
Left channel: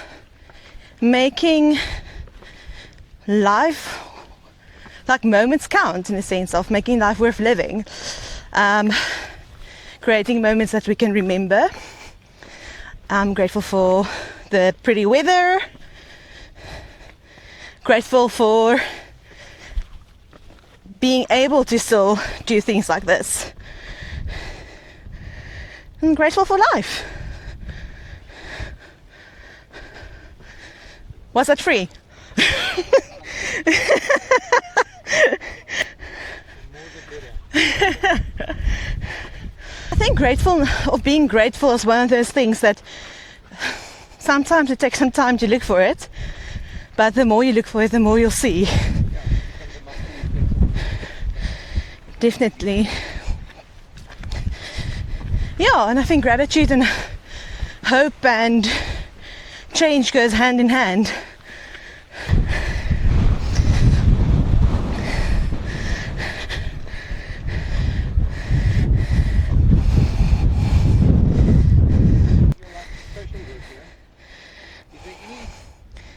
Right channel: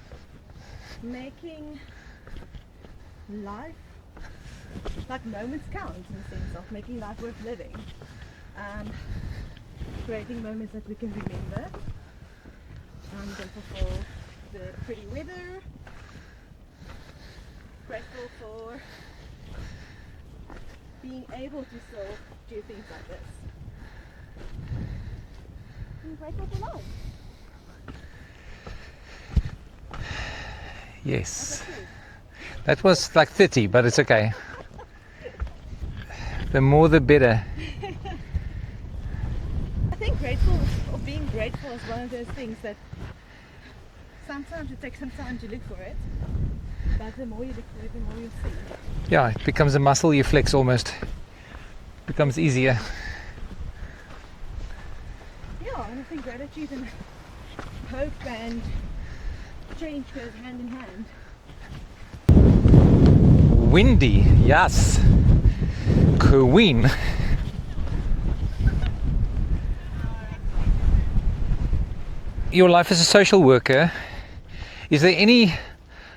making life, like moments count, in the sense of making life worth living. Creating moments that we can remember. I'm grateful for the pretty weather. Grateful for being able to still do things like this. I'm grateful for life. Yes. Was that free? That was like 30, but it's okay. The more the better. I think being grateful is one of those things that sometimes it takes some time to look for it, but the more you look for it, the more you'll see. Yeah, it becomes a muscle you flex almost. It becomes Definitely. easier. Yeah, and I think gratitude and hope and change goes hand in hand. Windy, yes. Queen. Your life as a social worker, is there any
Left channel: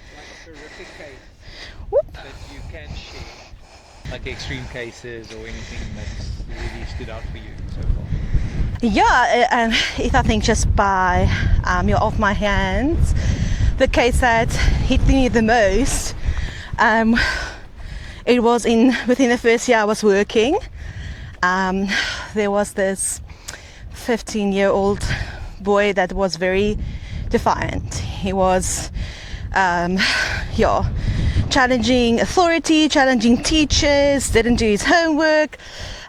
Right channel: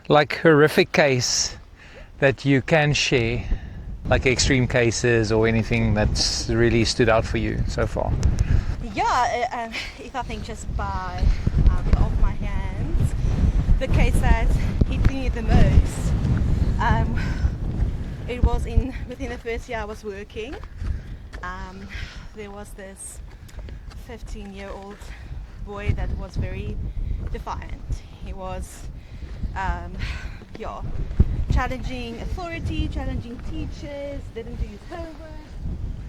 like horrific case that you can share, like extreme cases or anything that's really stood out for you so far? Yeah, if I think just by off my hands, the case that hit me the most, it was within the first year I was working. There was this 15-year-old boy that was very defiant. He was challenging authority, challenging teachers, didn't do his homework.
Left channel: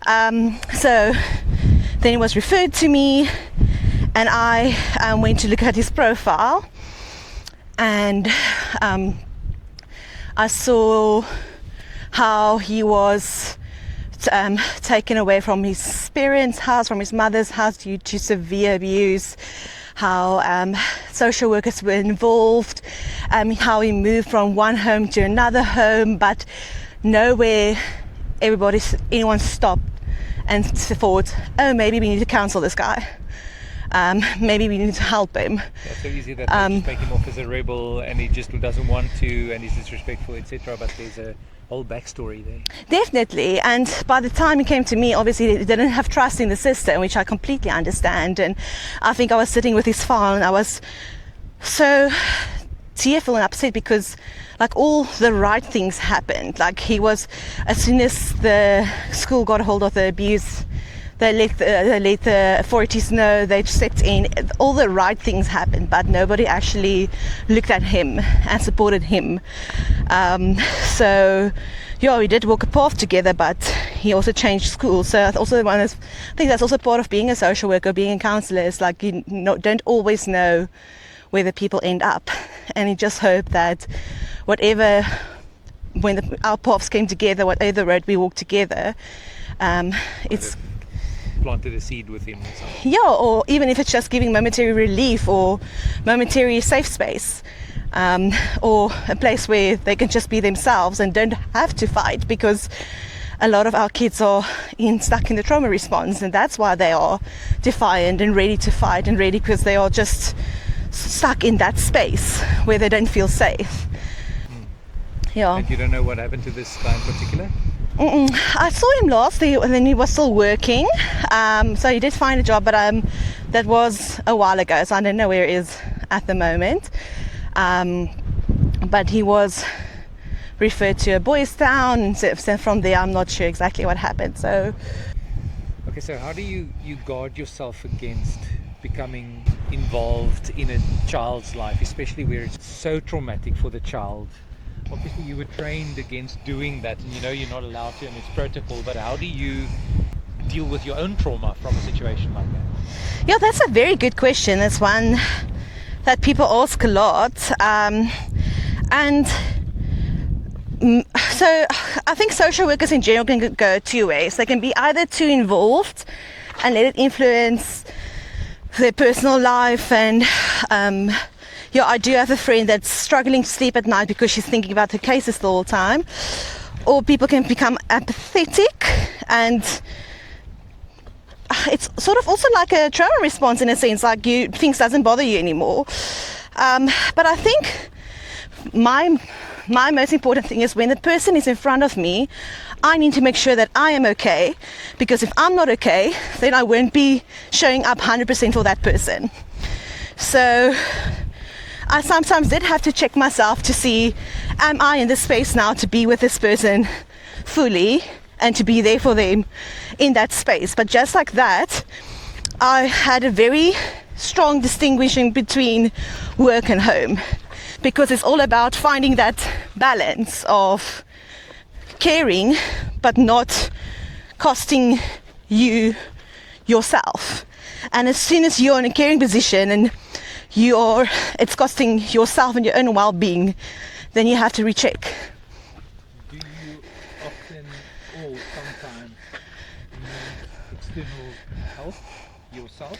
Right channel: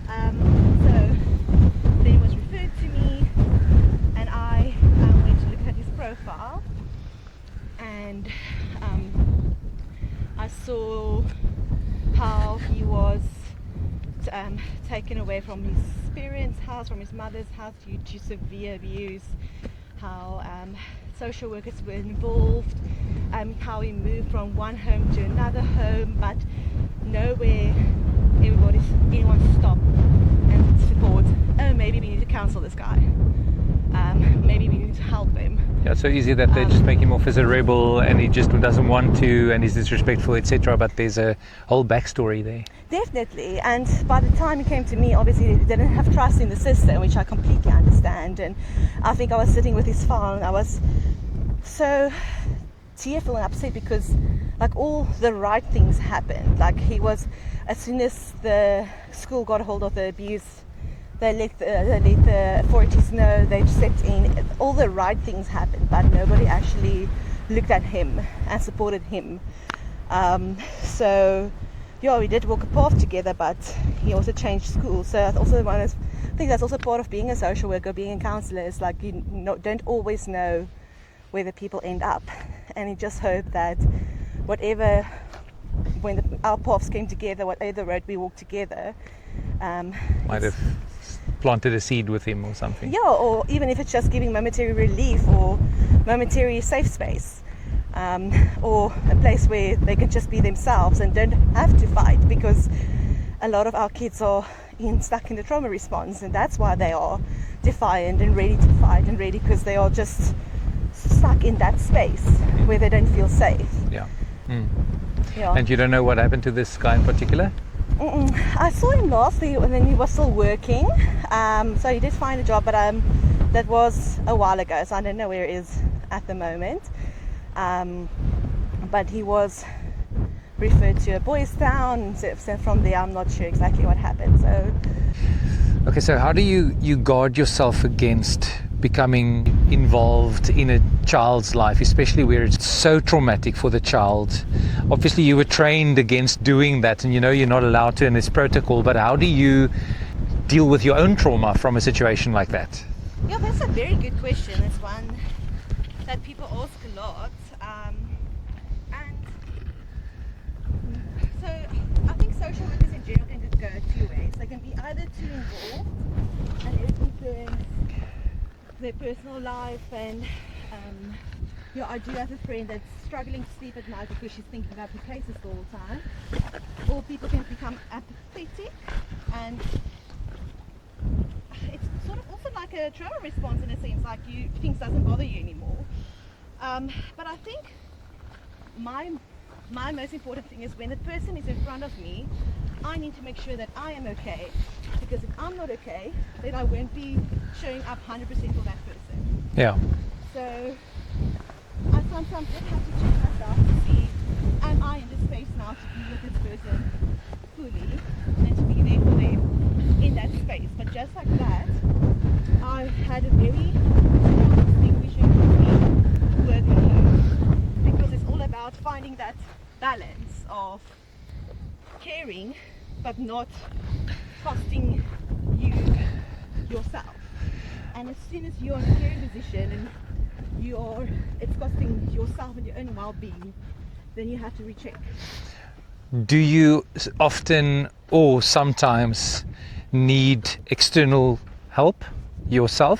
So then he was referred to me, and I went to look at his profile, and I saw how he was taken away from his parents' house, from his mother's house due to severe abuse, how social workers were involved, how he moved from one home to another home, but nowhere anyone stopped and thought, oh, maybe we need to counsel this guy. Maybe we need to help him. Yeah, it's so easy that they just make him off as a rebel and he just doesn't want to and he's disrespectful, etc. But there's a whole backstory there. Definitely. And by the time he came to me, obviously he didn't have trust in the system, which I completely understand. And I think I was sitting with his file and I was so tearful and upset because like all the right things happened. Like he was, as soon as the school got a hold of the abuse, they let the authorities know, they stepped in, all the right things happened, but nobody actually looked at him and supported him. So, yeah, we did walk a path together, but he also changed school. So that's also I think that's also part of being a social worker, being a counsellor, is like you don't always know where the people end up. And you just hope that whatever, when our paths came together, whatever road we walked together, it's planted a seed with him or something. Yeah, or even if it's just giving momentary relief or momentary safe space, or a place where they can just be themselves and don't have to fight, because a lot of our kids are stuck in the trauma response, and that's why they are defiant and ready to fight and ready, because they are just stuck in that space where they don't feel safe. Yeah. Yeah. And you don't know what happened to this guy in particular? I saw him last, and then he was still working, so he did find a job, but that was a while ago, so I don't know where he is at the moment. But he was referred to a boys' town, so from there I'm not sure exactly what happened. So okay, so how do you guard yourself against becoming involved in a child's life, especially where it's so traumatic for the child? Obviously you were trained against doing that, and you know you're not allowed to, and it's protocol, but how do you deal with your own trauma from a situation like that? Yeah, that's a very good question. It's one that people ask a lot, and so I think social workers in general can go two ways. They can be either too involved and let it influence their personal life, and yeah, I do have a friend that's struggling to sleep at night because she's thinking about her cases the whole time. Or people can become apathetic, and it's sort of also like a trauma response in a sense, like things doesn't bother you anymore. But I think my most important thing is when the person is in front of me, I need to make sure that I am okay, because if I'm not okay, then I won't be showing up 100% for that person. Yeah. So I sometimes did have to check myself to see, am I in this space now to be with this person fully and to be there for them in that space. But just like that, I had a very strong distinguishing between work and home, because it's all about finding that balance of caring but not costing you yourself. And as soon as you're in a caring position and it's costing yourself and your own well-being, then you have to recheck. Do you often or sometimes need external help yourself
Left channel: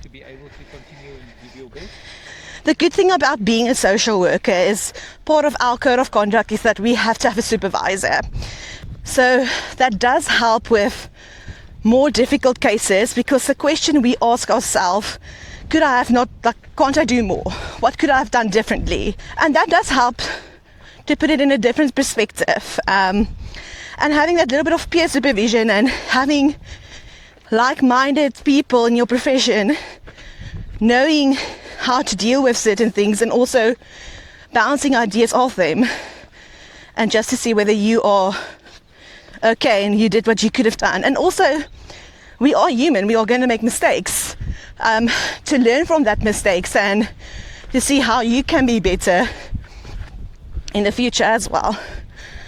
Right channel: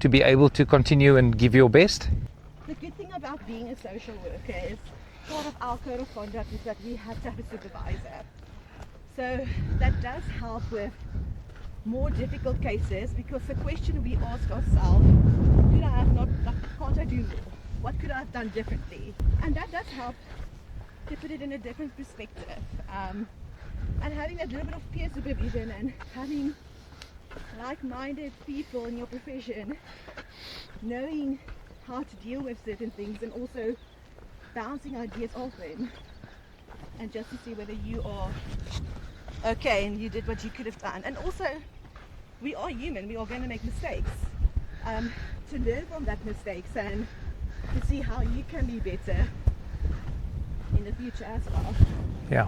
to be able to continue and give your best? The good thing about being a social worker is part of our code of conduct is that we have to have a supervisor. So that does help with more difficult cases, because the question we ask ourselves, can't I do more? What could I have done differently? And that does help to put it in a different perspective. And having that little bit of peer supervision and having like-minded people in your profession, knowing how to deal with certain things and also bouncing ideas off them, and just to see whether you are okay and you did what you could have done. And also, we are human, we are going to make mistakes, to learn from that mistakes and to see how you can be better in the future as well. Yeah.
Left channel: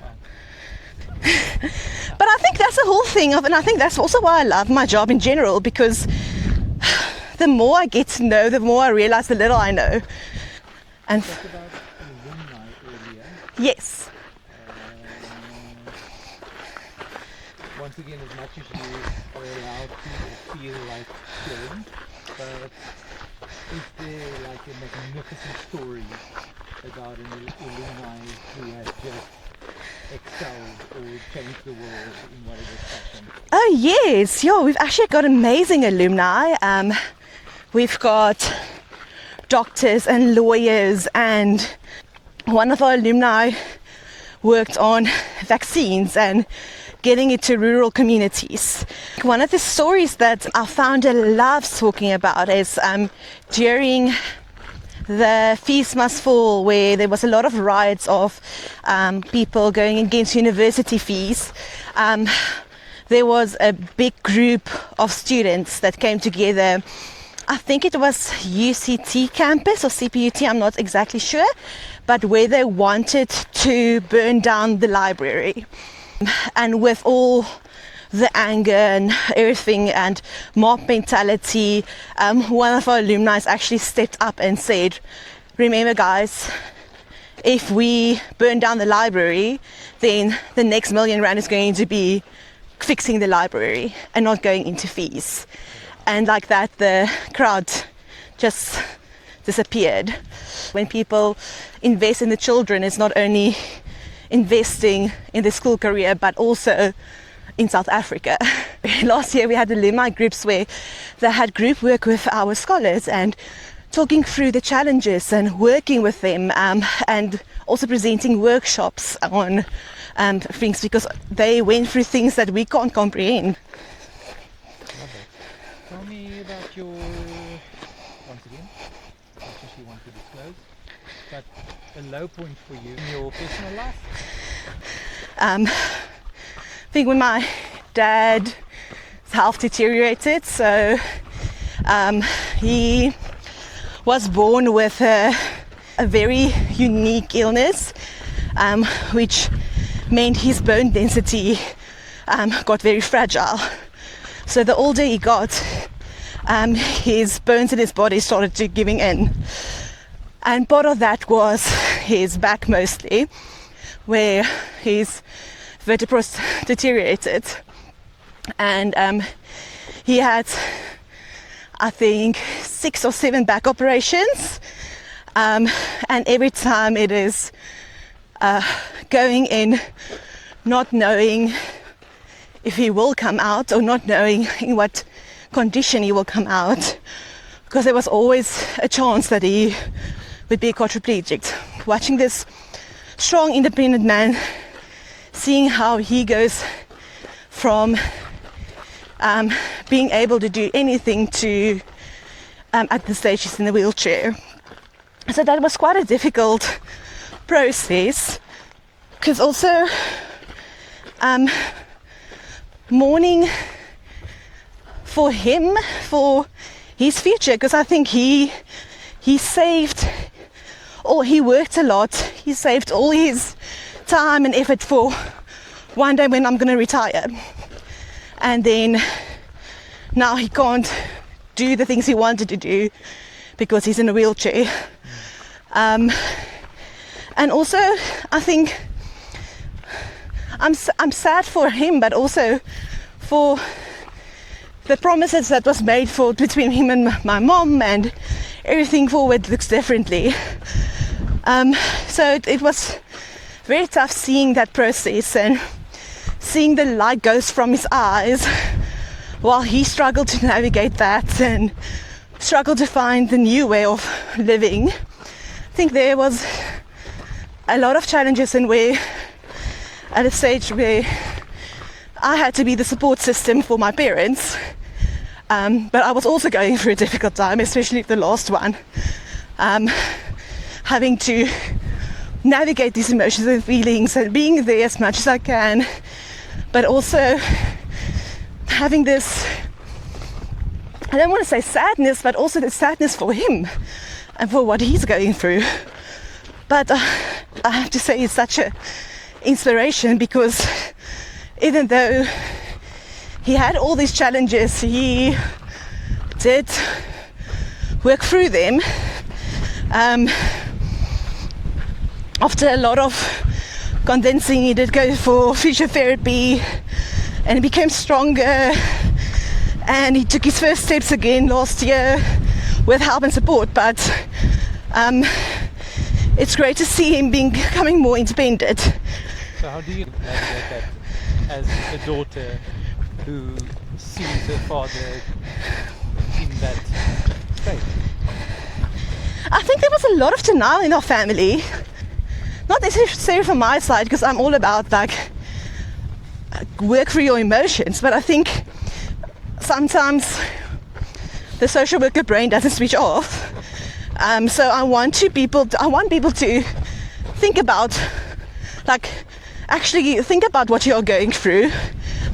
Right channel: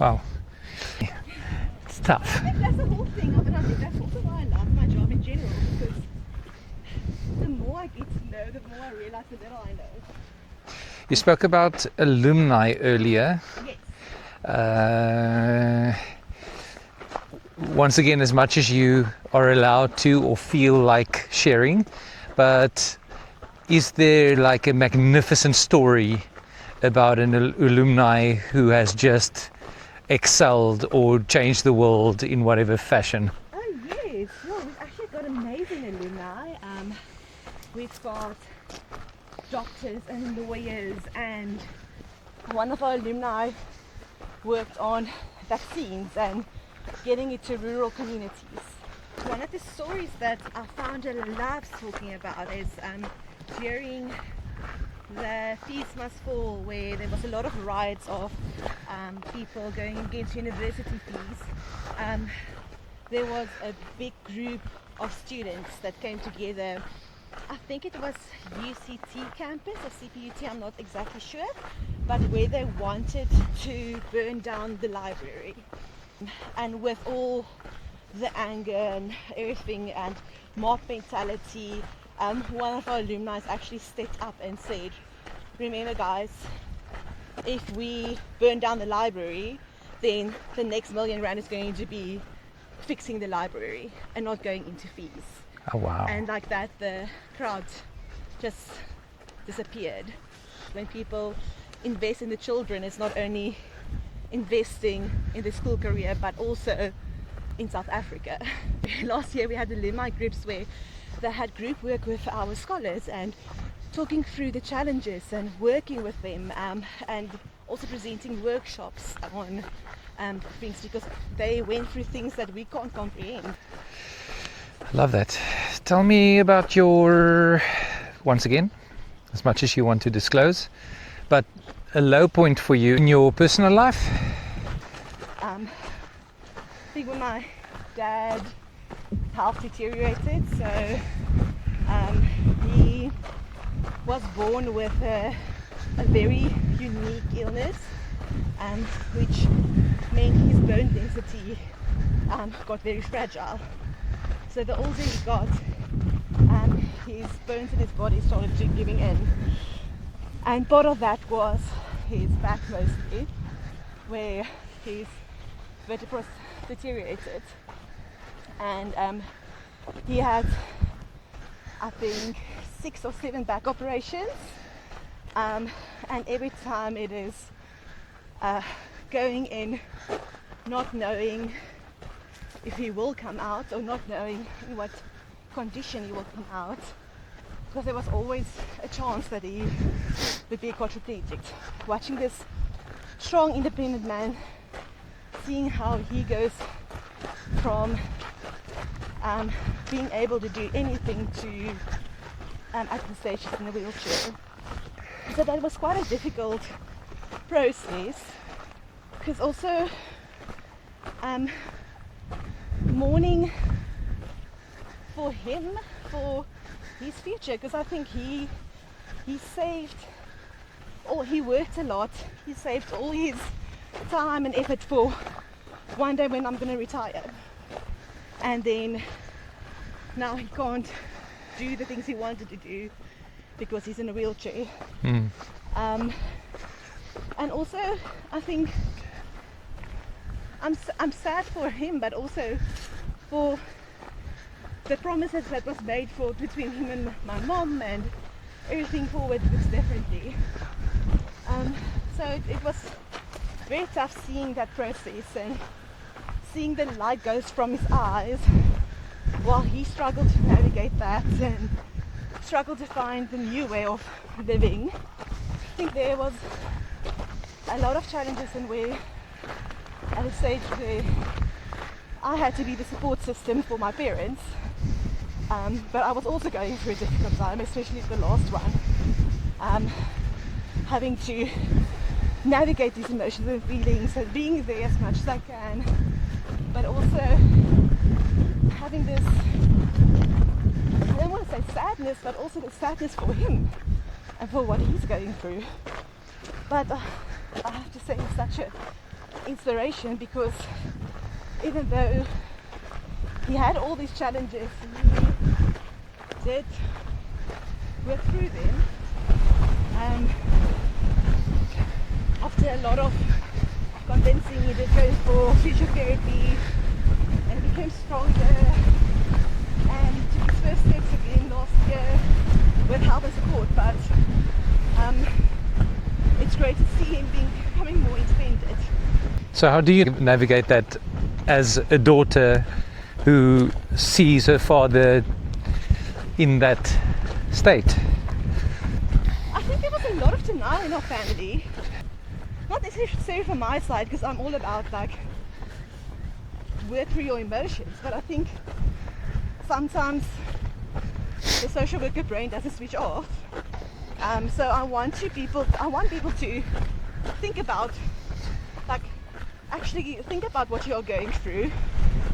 Wow. But I think that's the whole thing and I think that's also why I love my job in general, because the more I get to know, the more I realize the little I know. You spoke about alumni earlier. Yes. Once again, as much as you are allowed to or feel like sharing, but is there like a magnificent story about an alumni who has just excelled or changed the world in whatever fashion? Oh yes, yeah, we've actually got amazing alumni. We've got doctors and lawyers, and one of our alumni worked on vaccines and getting it to rural communities. One of the stories that our founder loves talking about is during the Fees Must Fall, where there was a lot of riots of people going against university fees. There was a big group of students that came together. I think it was UCT campus or CPUT, I'm not exactly sure, but where they wanted to burn down the library. And with all the anger and everything and mob mentality, one of our alumni actually stepped up and said, remember guys, if we burn down the library, then the next R1,000,000 is going to be fixing the library and not going into fees. Oh, wow. And like that, the crowd just disappeared. When people invest in the children, it's not only investing in the school career, but also in South Africa. Last year we had alumni groups where they had group work with our scholars and talking through the challenges and working with them, and also presenting workshops on things, because they went through things that we can't comprehend. Love that. Tell me about your, once again, as much as you want to disclose, but a low point for you in your personal life? I think when my dad's health deteriorated, so he was born with a very unique illness, which meant his bone density got very fragile. So the older he got, his bones in his body started to giving in. And part of that was his back mostly, where his vertebrae deteriorated. And he had, I think, 6 or 7 back operations. And every time it is going in, not knowing if he will come out or not knowing in what condition he will come out, because there was always a chance that he would be quadriplegic. Watching this strong, independent man, seeing how he goes from being able to do anything to at the stage he's in a wheelchair. So that was quite a difficult process, because also mourning for him, for his future, because I think he saved, or he worked a lot, he saved all his time and effort for one day when I'm going to retire. And then now he can't do the things he wanted to do because he's in a wheelchair. And also I think I'm sad for him, but also for the promises that was made for between him and my mom, and everything forward looks differently. So it was very tough seeing that process and seeing the light goes from his eyes while he struggled to navigate that and struggled to find the new way of living. I think there was a lot of challenges, and where at a stage where I had to be the support system for my parents, but I was also going through a difficult time, especially the last one, having to navigate these emotions and feelings and being there as much as I can, but also having this, I don't want to say sadness, but also the sadness for him and for what he's going through. But I have to say it's such an inspiration, because even though he had all these challenges, he did work through them. After a lot of convincing, he did go for physiotherapy and he became stronger, and he took his first steps again last year with help and support. But it's great to see him becoming more independent. So how do you navigate that as a daughter who sees her father in that state? I think there was a lot of denial in our family. Not necessarily from my side, because I'm all about like work through your emotions, but I think sometimes the social worker brain doesn't switch off. So I want people to think about, like, actually think about what you're going through,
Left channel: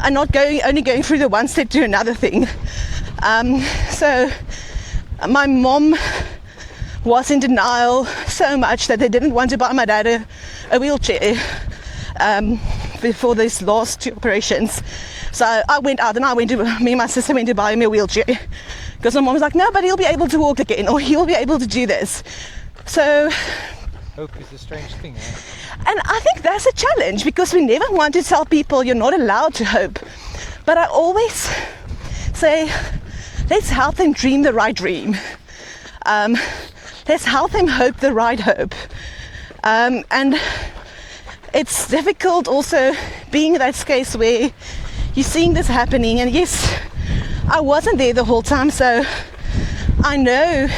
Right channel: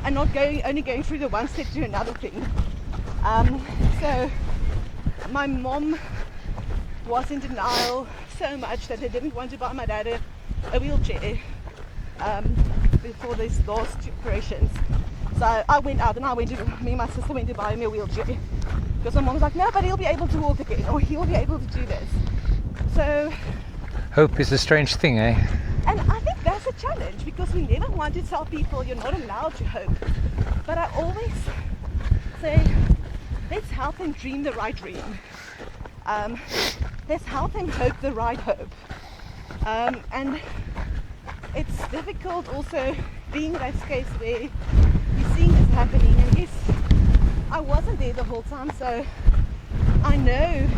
and not only going through the one step to another thing. So my mom was in denial so much that they didn't want to buy my dad a wheelchair before these last 2 operations. So I went out and me and my sister went to buy him a wheelchair, because my mom was like, no, but he'll be able to walk again, or he'll be able to do this. So Hope is a strange thing, eh? and I think that's a challenge, because we never want to tell people you're not allowed to hope. But I always say, let's help them dream the right dream. Let's help them hope the right hope. And it's difficult also being in that case where you're seeing this happening. And yes, I wasn't there the whole time, so I know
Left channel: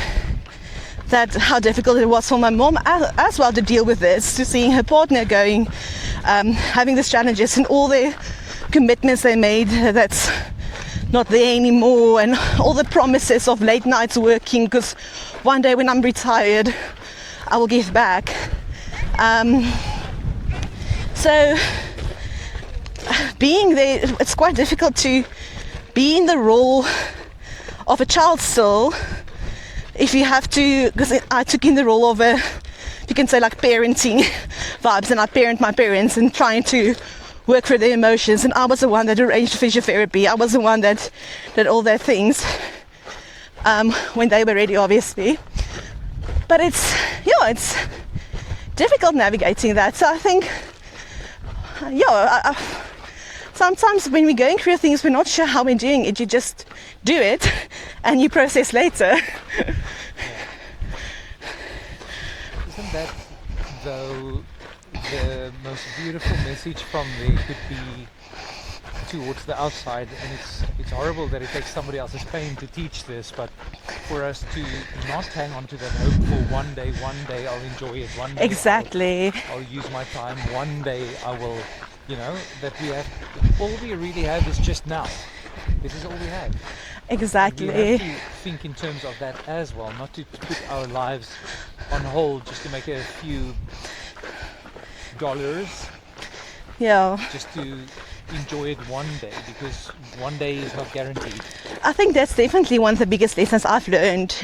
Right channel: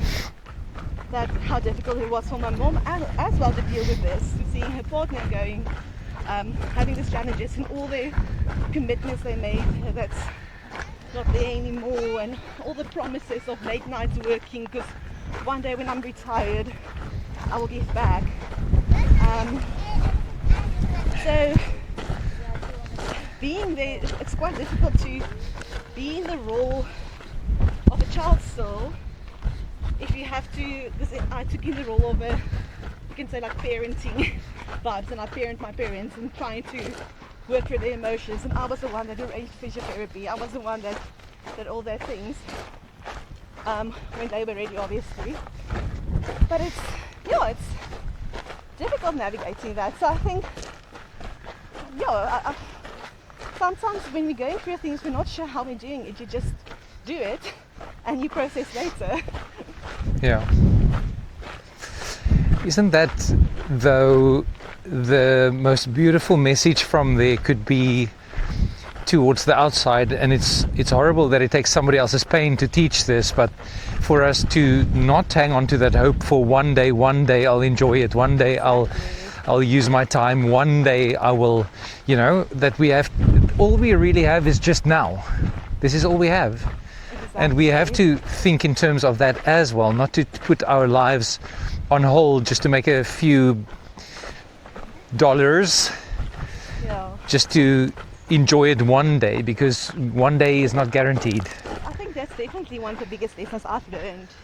that how difficult it was for my mom as well to deal with this, to seeing her partner going, having these challenges and all the commitments they made that's not there anymore, and all the promises of late nights working, because one day when I'm retired I will give back. So being there, it's quite difficult to be in the role of a child still, if you have to, because I took in the role of a, you can say, like parenting vibes, and I parent my parents and trying to work through their emotions, and I was the one that arranged physiotherapy. I was the one that did all their things when they were ready, obviously. But it's difficult navigating that. So I think, sometimes when we're going through things, we're not sure how we're doing it. You just do it and you process later. Yeah. Isn't that, though, the most beautiful message from there could be towards the outside? And it's horrible that it takes somebody else's pain to teach this, but for us to not hang on to that hope for one day I'll enjoy it, one day Exactly. I'll use my time, one day I will, that we have, all we really have is just now. This is all we have. Exactly. And we have to think in terms of that as well, not to put our lives on hold just to make a few dollars, just to enjoy it one day, because one day is not guaranteed. I think that's definitely one of the biggest lessons I've learned,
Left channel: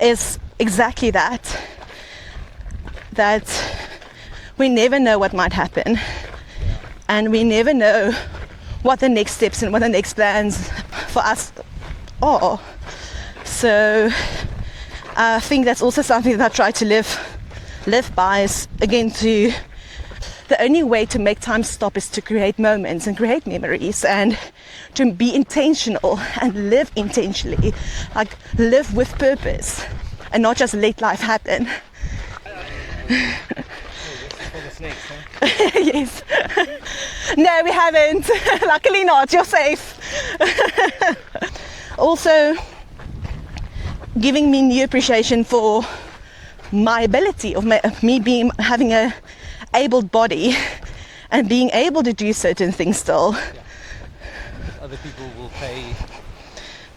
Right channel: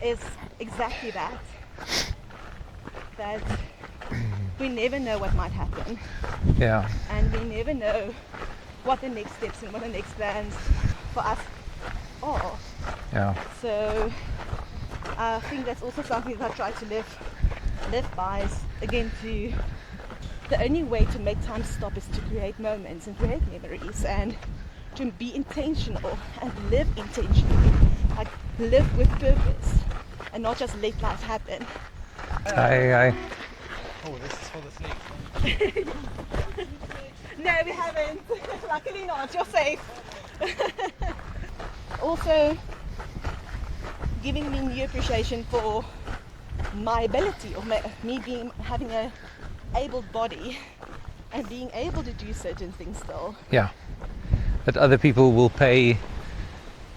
is exactly that we never know what might happen. Yeah. And we never know what the next steps and what the next plans for us are. Yeah. So I think that's also something that I try to live by, is again the only way to make time stop is to create moments and create memories, and to be intentional and live intentionally, like live with purpose and not just let life happen. Yes. No, we haven't. Luckily not. You're safe. Also, giving me new appreciation for my ability of me having a abled body and being able to do certain things still. Yeah. That other people will pay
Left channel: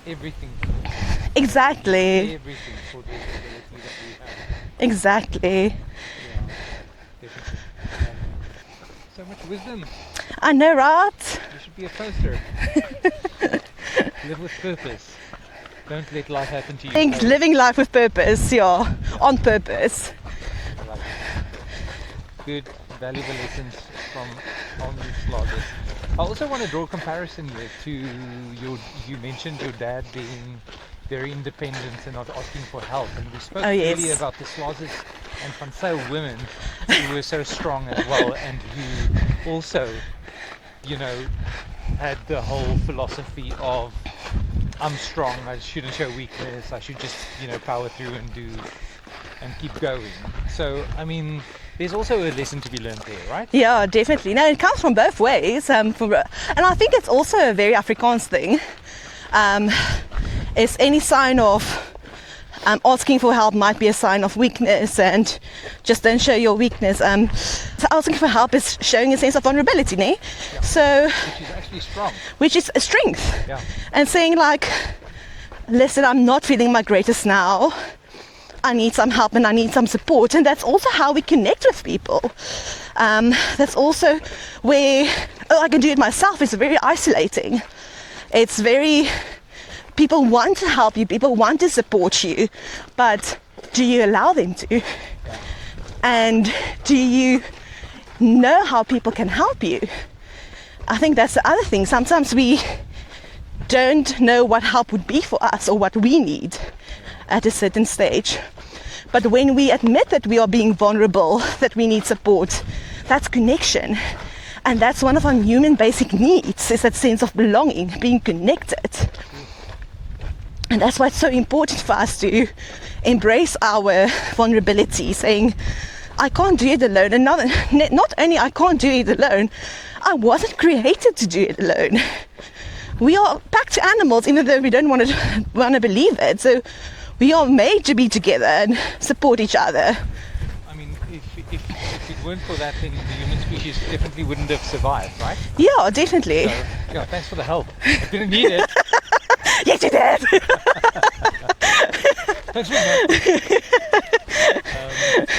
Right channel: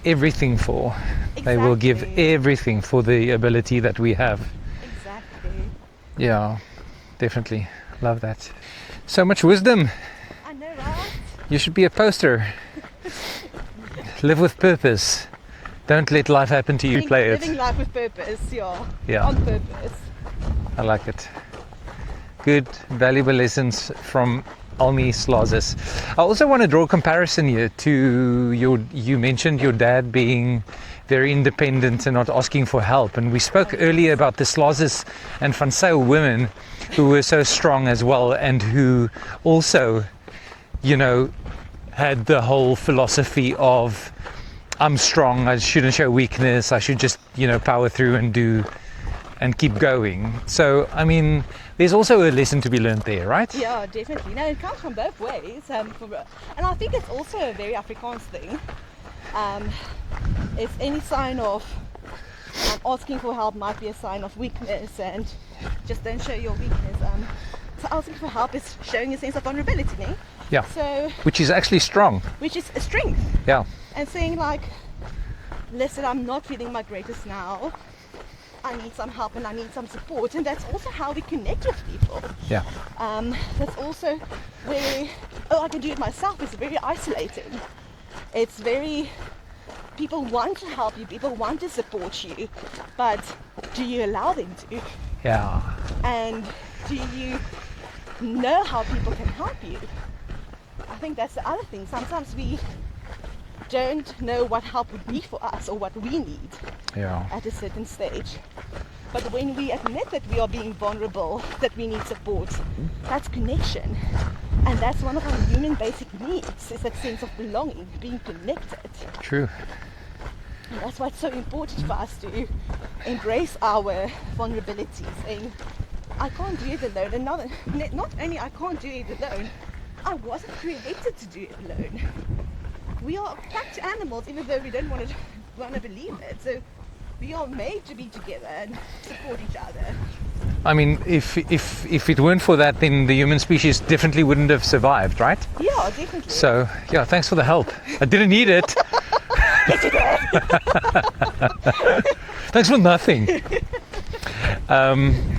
everything for. Exactly. They will give everything for the ability that we have. Exactly. Yeah, definitely. Love that. So much wisdom. I know, right? You should be a poster. Live with purpose. Don't let life happen to you. Think Play it. living life with purpose, yeah. On purpose. I like it. Good, valuable lessons from Almi Slazus. I also want to draw a comparison here to you mentioned your dad being very independent and not asking for help. And we spoke earlier about the Slazus and Van Zyl women who were so strong as well, and who also, had the whole philosophy of, I'm strong, I shouldn't show weakness, I should just, power through and do and keep going. So, I mean, there's also a lesson to be learned there, right? Yeah, definitely. No, it comes from both ways. And I think it's also a very Afrikaans thing. Is any sign of asking for help might be a sign of weakness, and just don't show your weakness. So asking for help is showing a sense of vulnerability, ne? Yeah. So, Which is actually strong. which is a strength. Yeah. And saying like, listen, I'm not feeling my greatest now. I need some help and I need some support. And that's also how we connect with people. Yeah. That's also where, I can do it myself. It's very isolating. It's very, people want to help you, people want to support you, but do you allow them to? Yeah. And do you know how people can help you? I think that's the other thing. Sometimes we don't know what help would be for us or what we need at a certain stage. But when we admit that we are being vulnerable, that we need support, that's connection. And that's one of our human basic needs, is that sense of belonging, being connected. True. And that's why it's so important for us to embrace our vulnerability, saying, I can't do it alone. And not only I can't do it alone, I wasn't created to do it alone. We are packed animals, even though we don't want to believe it. So we are made to be together and support each other. I mean, if it weren't for that, then the human species definitely wouldn't have survived, right? Yeah, definitely. So, yeah, thanks for the help. I didn't need it. Yes, you did. Thanks for nothing.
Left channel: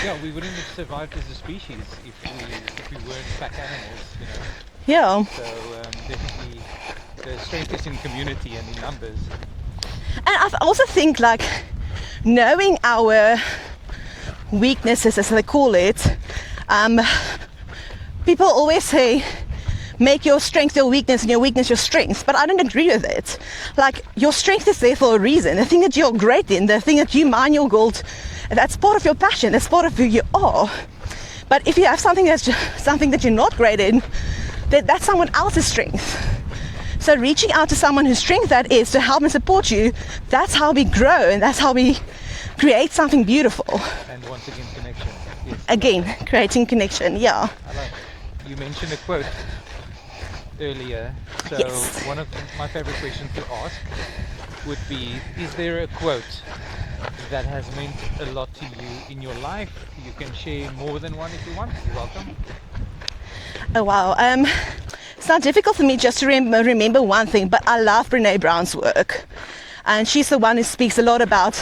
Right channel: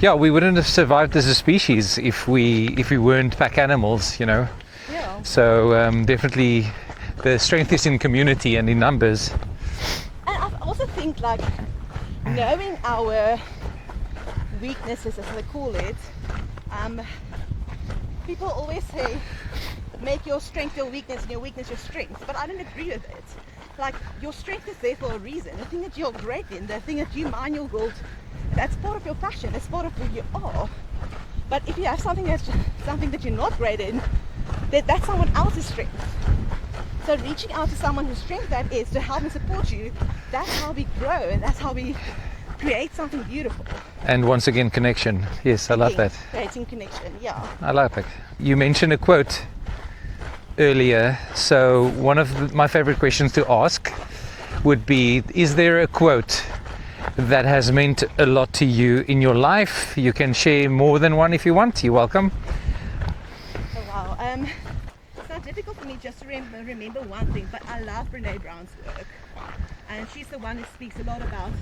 Yeah, we wouldn't have survived as a species if we weren't pack animals, you know. Yeah. So definitely, the strength is in community and in numbers. And I also think, like, knowing our weaknesses, as they call it, people always say, make your strength your weakness and your weakness your strength, but I don't agree with it. Like, your strength is there for a reason. The thing that you're great in, the thing that you mine your gold, that's part of your passion, that's part of who you are. But if you have something that you're not great in, that's someone else's strength. So reaching out to someone whose strength that is to help and support you, that's how we grow, and that's how we create something beautiful. And once again, connection. Yes, I love Again, that. creating connection, yeah. I like it. You mentioned a quote earlier, so Yes. one of my favorite questions to ask would be, is there a quote that has meant a lot to you in your life? You can share more than one if you want. You're welcome. Oh wow. It's not difficult for me just to remember one thing, but I love Brene Brown's work. And she's the one who speaks a lot about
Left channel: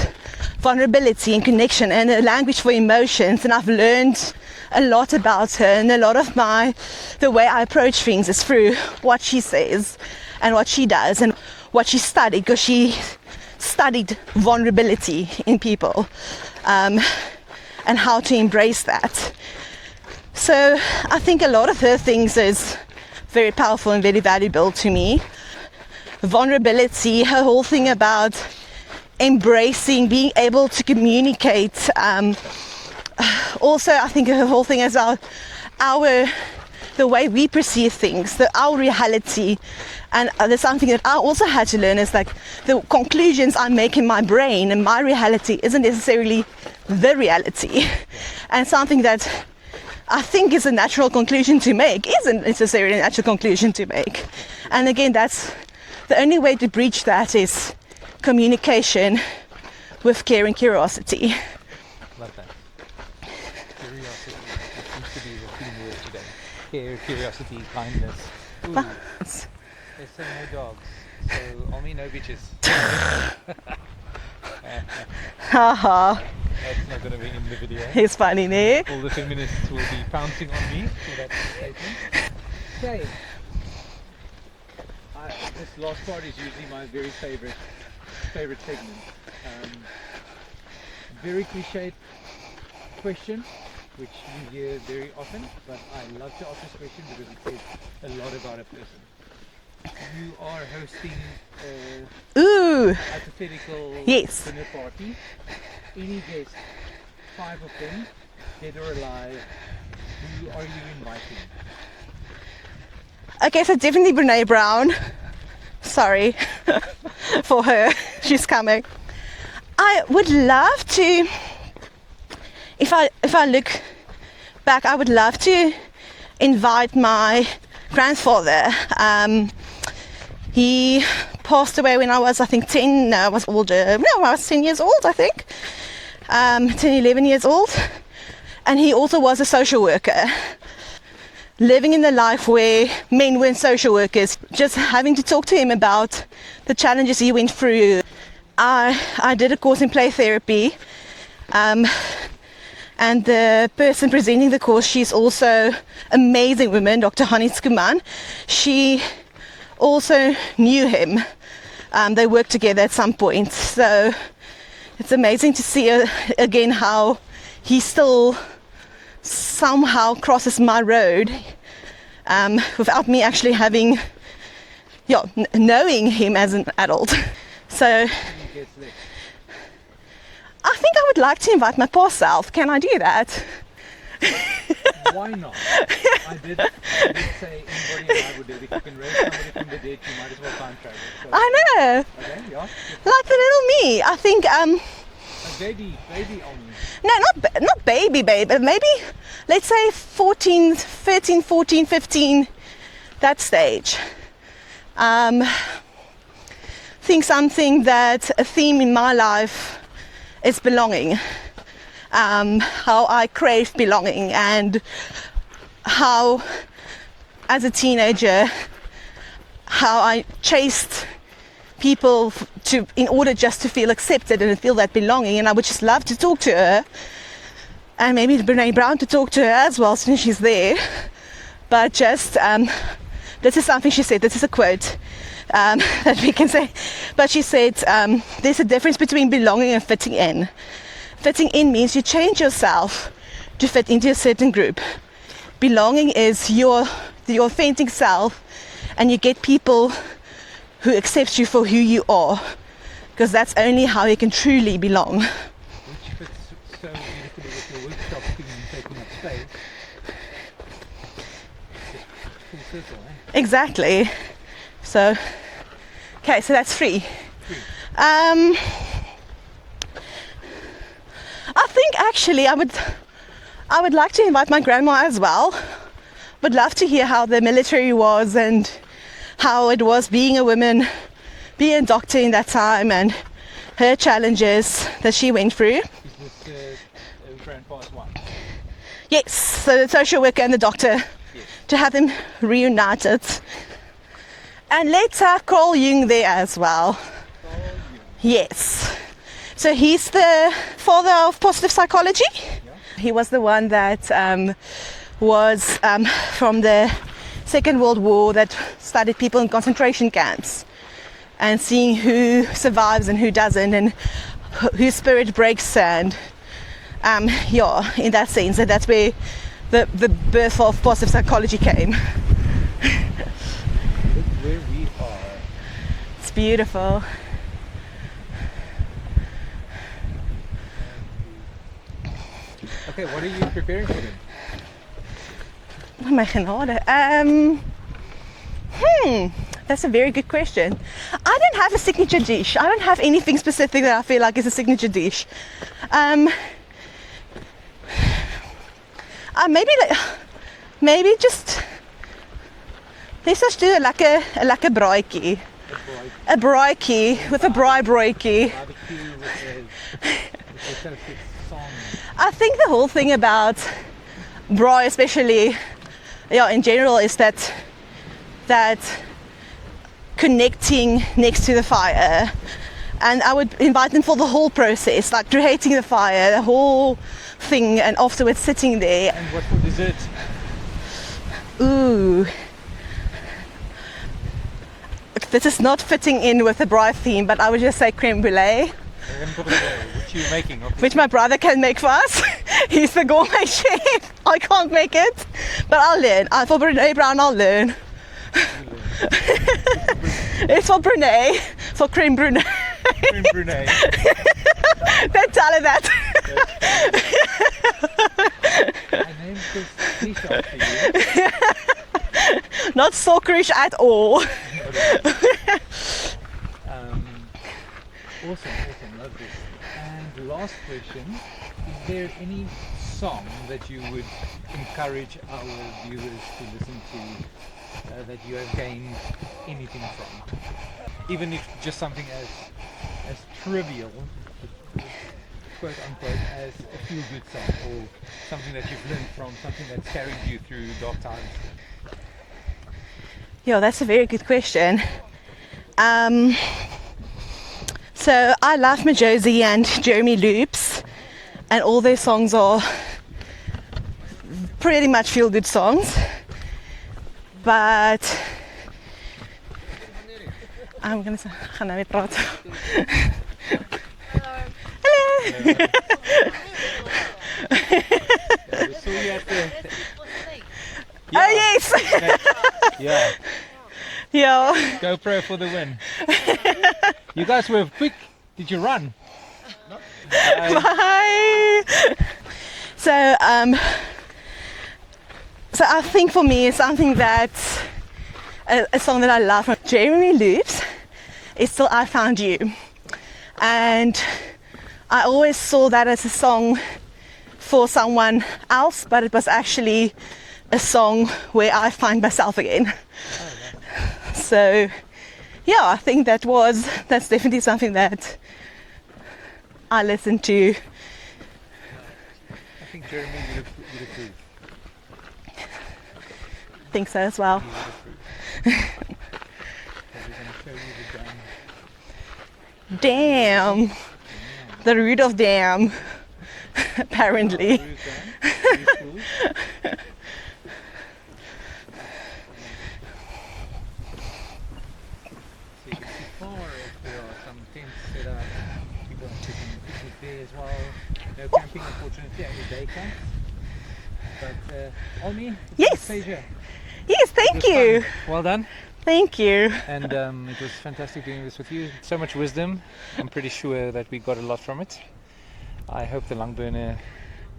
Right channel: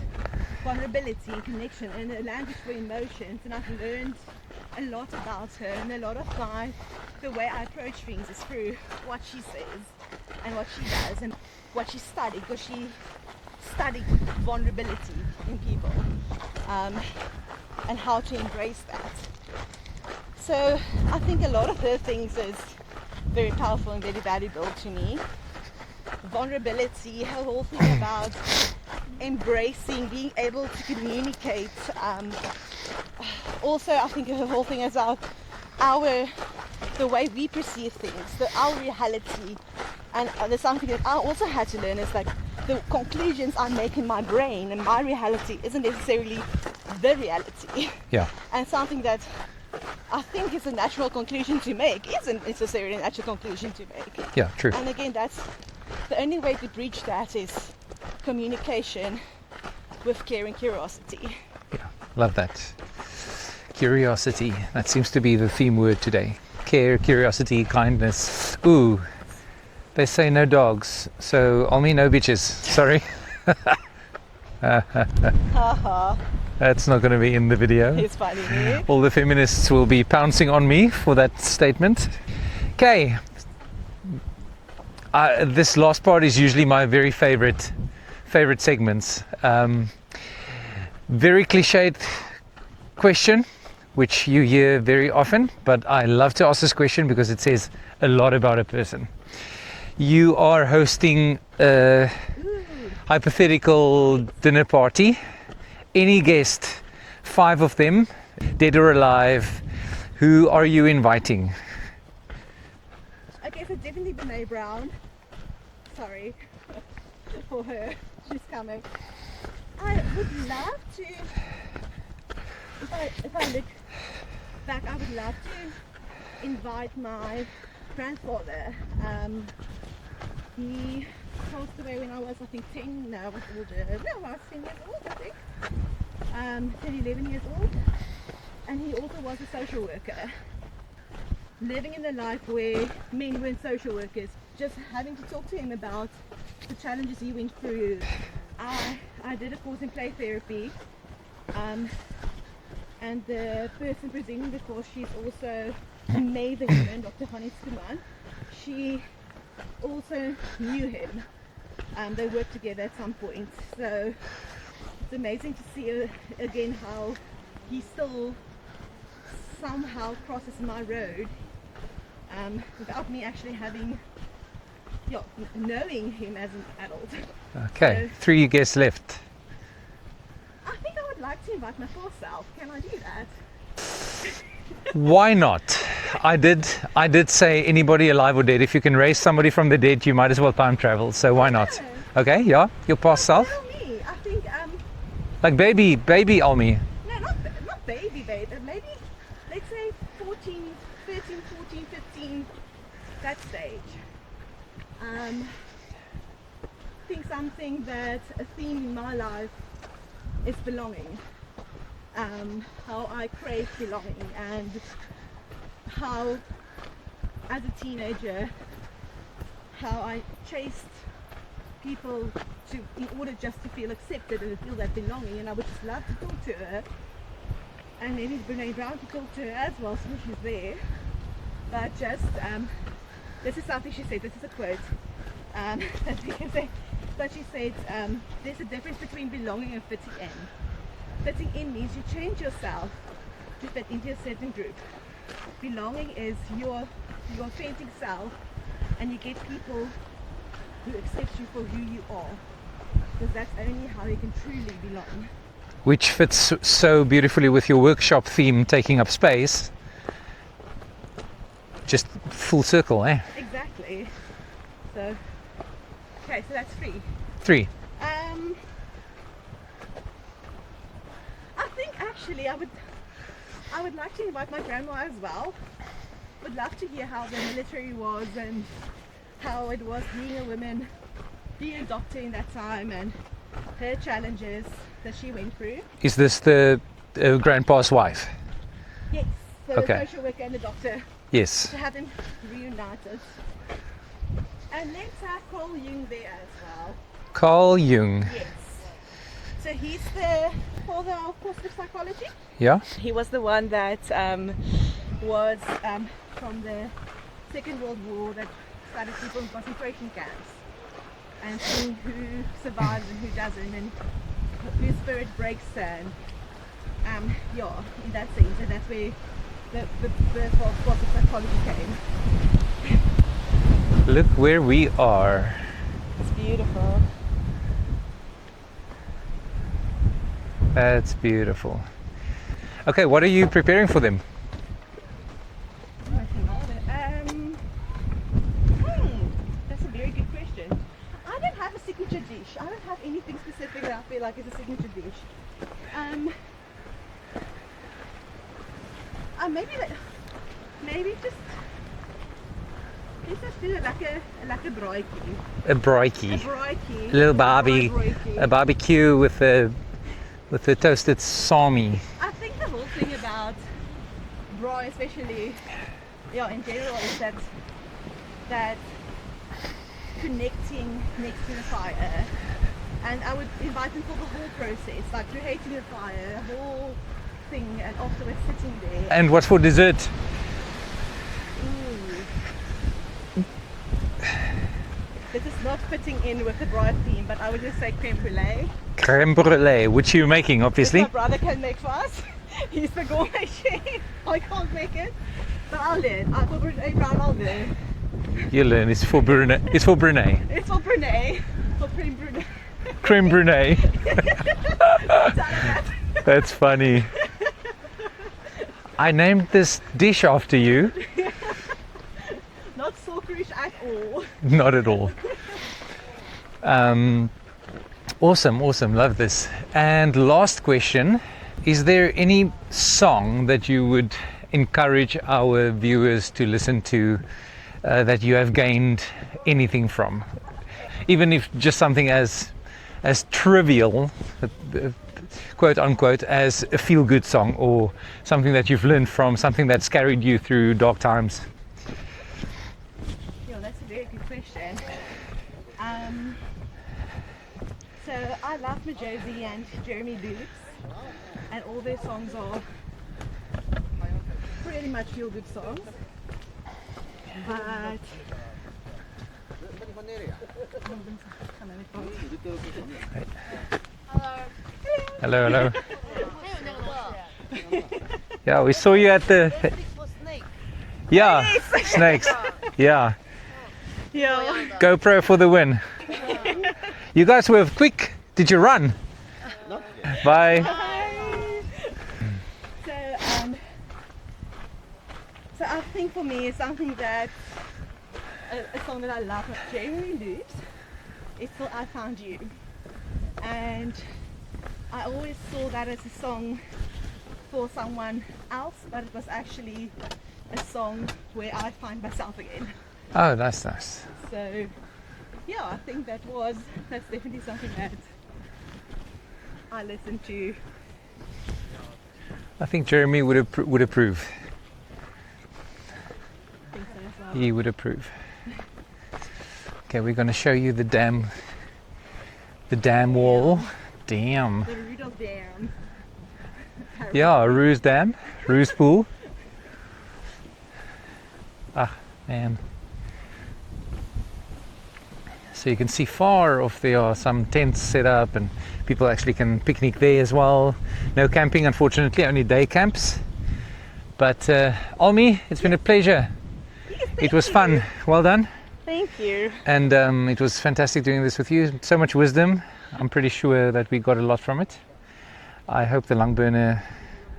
vulnerability and connection and a language for emotions. And I've learned a lot about her, and a lot of the way I approach things is through what she says and what she does and what she studied, because she studied vulnerability in people and how to embrace that. So I think a lot of her things is very powerful and very valuable to me. Vulnerability, her whole thing about embracing, being able to communicate. Also, I think her whole thing is the way we perceive things, our reality. And there's something that I also had to learn is like the conclusions I make in my brain and my reality isn't necessarily the reality. Yeah. And something that I think is a natural conclusion to make isn't necessarily a natural conclusion to make. Yeah, true. And again, that's the only way to breach that is communication with care and curiosity. Love that. Curiosity. That seems to be the theme word today. Care, curiosity, kindness. Ooh. They say no dogs, so Almi, no bitches. Sorry. Haha, That's not going to be in the video. it's funny, ne? All the feminists will be pouncing on me for that statement. Okay. This last part is usually my very favorite segments. Very cliched question, which you hear very often, but I love to ask this question because it says a lot about a person. You are hosting a hypothetical Yes. dinner party. Any guest, 5 of them, dead or alive, who are you inviting? Okay, so definitely Brene Brown. Sorry for her, she's coming. I would love to, if I look back, I would love to invite my grandfather. He passed away when I was, I think, 10. No, I was older. No, I was 10 years old, I think. 10, 11 years old. And he also was a social worker. Living in the life where men weren't social workers, just having to talk to him about the challenges he went through. I did a course in play therapy, and the person presenting the course, she's also amazing woman, Dr. Hani Skuman. She also knew him. They worked together at some point, so it's amazing to see again how he still somehow crosses my road without me actually having, knowing him as an adult. Okay. So 3 guests left. I think I would like to invite my past self. Can I do that? Why not? I did say anybody alive or dead. If you can raise somebody from the dead, you might as well time travel. So why not? Okay, yeah, your past self. Like a little me. I think like baby Almi. No, not baby, but maybe let's say 13, 14, 15, that stage. I think something that a theme in my life is belonging. How I crave belonging, and how as a teenager how I chased people in order just to feel accepted and feel that belonging, and I would just love to talk to her, and maybe Brene Brown to talk to her as well since she's there. But just this is something she said, this is a quote that we can say, but she said there's a difference between belonging and fitting in. Fitting in means you change yourself to fit into a certain group. Belonging is the authentic self, and you get people who accept you for who you are, because that's only how you can truly belong. Which fits so beautifully with your workshop theme, taking up space. Just full circle, eh? Exactly. So, okay, so that's 3. 3. I think actually I would like to invite my grandma as well. Would love to hear how the military was and how it was being a woman, being a doctor in that time, and her challenges that she went through. Is this the grandpa's wife? Yes, so the social worker and the doctor. Yes. To have them reunited. And let's have Carl Jung there as well. Carl Jung. Yes. So he's the father of positive psychology. Yeah. He was the one that was from the Second World War, that studied people in concentration camps and seeing who survives and who doesn't, and whose spirit breaks. And in that sense, and that's where the birth of positive psychology came. Look where we are. It's beautiful. That's beautiful. Okay, what are you preparing for them? My genade. That's a very good question. I don't have a signature dish. I don't have anything specific that I feel like is a signature dish. Maybe just let's just do a lekker braaitjie. A braaitjie. A braaitjie with a braai. A barbecue with the toasted salmi. I think the whole thing about braai, especially in general, is that connecting next to the fire. And I would invite them for the whole process, like creating the fire, the whole thing, and afterwards sitting there. And what for dessert? Ooh. This is not fitting in with the braai theme, but I would just say creme brulee. Creme brulee, which you're making, obviously. Which my brother can make for us. He's the gourmet chef. I can't make it, but I'll learn. For Brene Brown, I'll learn. You'll learn. It's for Brene. It's for Brene. It's for Brene. For creme brulee. Creme brulee. Don't tell her that. That's funny. I named this dish after you. Not stalkerish at all. Not at all. Awesome. Love this. And last question, is there any song that you would encourage our viewers to listen to that you have gained anything from, even if just something as trivial, quote unquote, as a feel-good song, or something that you've learned from, something that's carried you through dark times? Yeah, that's a very good question. So I love Majosi and Jeremy Loops, and all their songs are pretty much feel-good songs. But I'm gonna say, gaan nou weer praten. Hello, hello. Yeah, we saw you at the. Yeah, Oh, yes. snakes. Yeah, Yeah. GoPro for the win. You guys were quick. Did you run? Bye. Hi. So I think for me, something that a song that I love from Jeremy Loops is Still I Found You, and I always saw that as a song for someone else, but it was actually a song where I find myself again. Oh, that's nice. So yeah, I think that's definitely something that I listen to. I think Jeremy would approve. I think so as well. He would approve. Okay, we're going to show you the dam. The dam wall. Damn. The root of dam. Apparently. Yeah, Ruse Dam, Ruse Pool. Ah, man. So you can see far off there are some tents set up, and people actually can picnic there as well. No camping, unfortunately, only day camps. But Almi, it's been a Yes. pleasure. Yes, thank It was you. fun. Well done. Thank you. And it was fantastic doing this with you. So much wisdom. I'm pretty sure that we got a lot from it. I hope the lung burner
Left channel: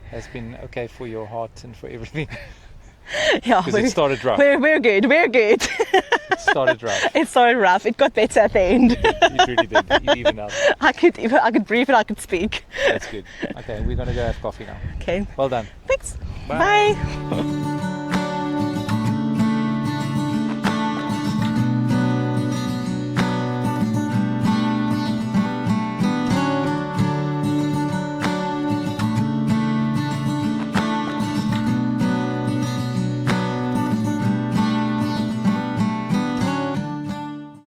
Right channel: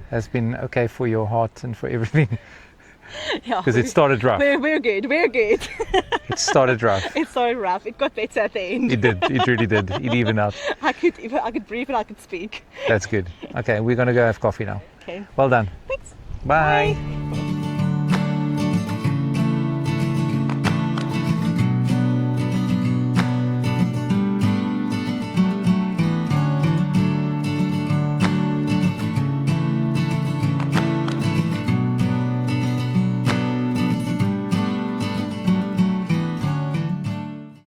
has been okay for your heart and for everything. Yeah, Because it started rough. we're good. We're good. It started rough. It started rough. It got better at the end. It did. It really did. It evened out. I could breathe and I could speak. That's good. Okay, we're going to go have coffee now. Okay. Well done. Thanks. Bye. Bye.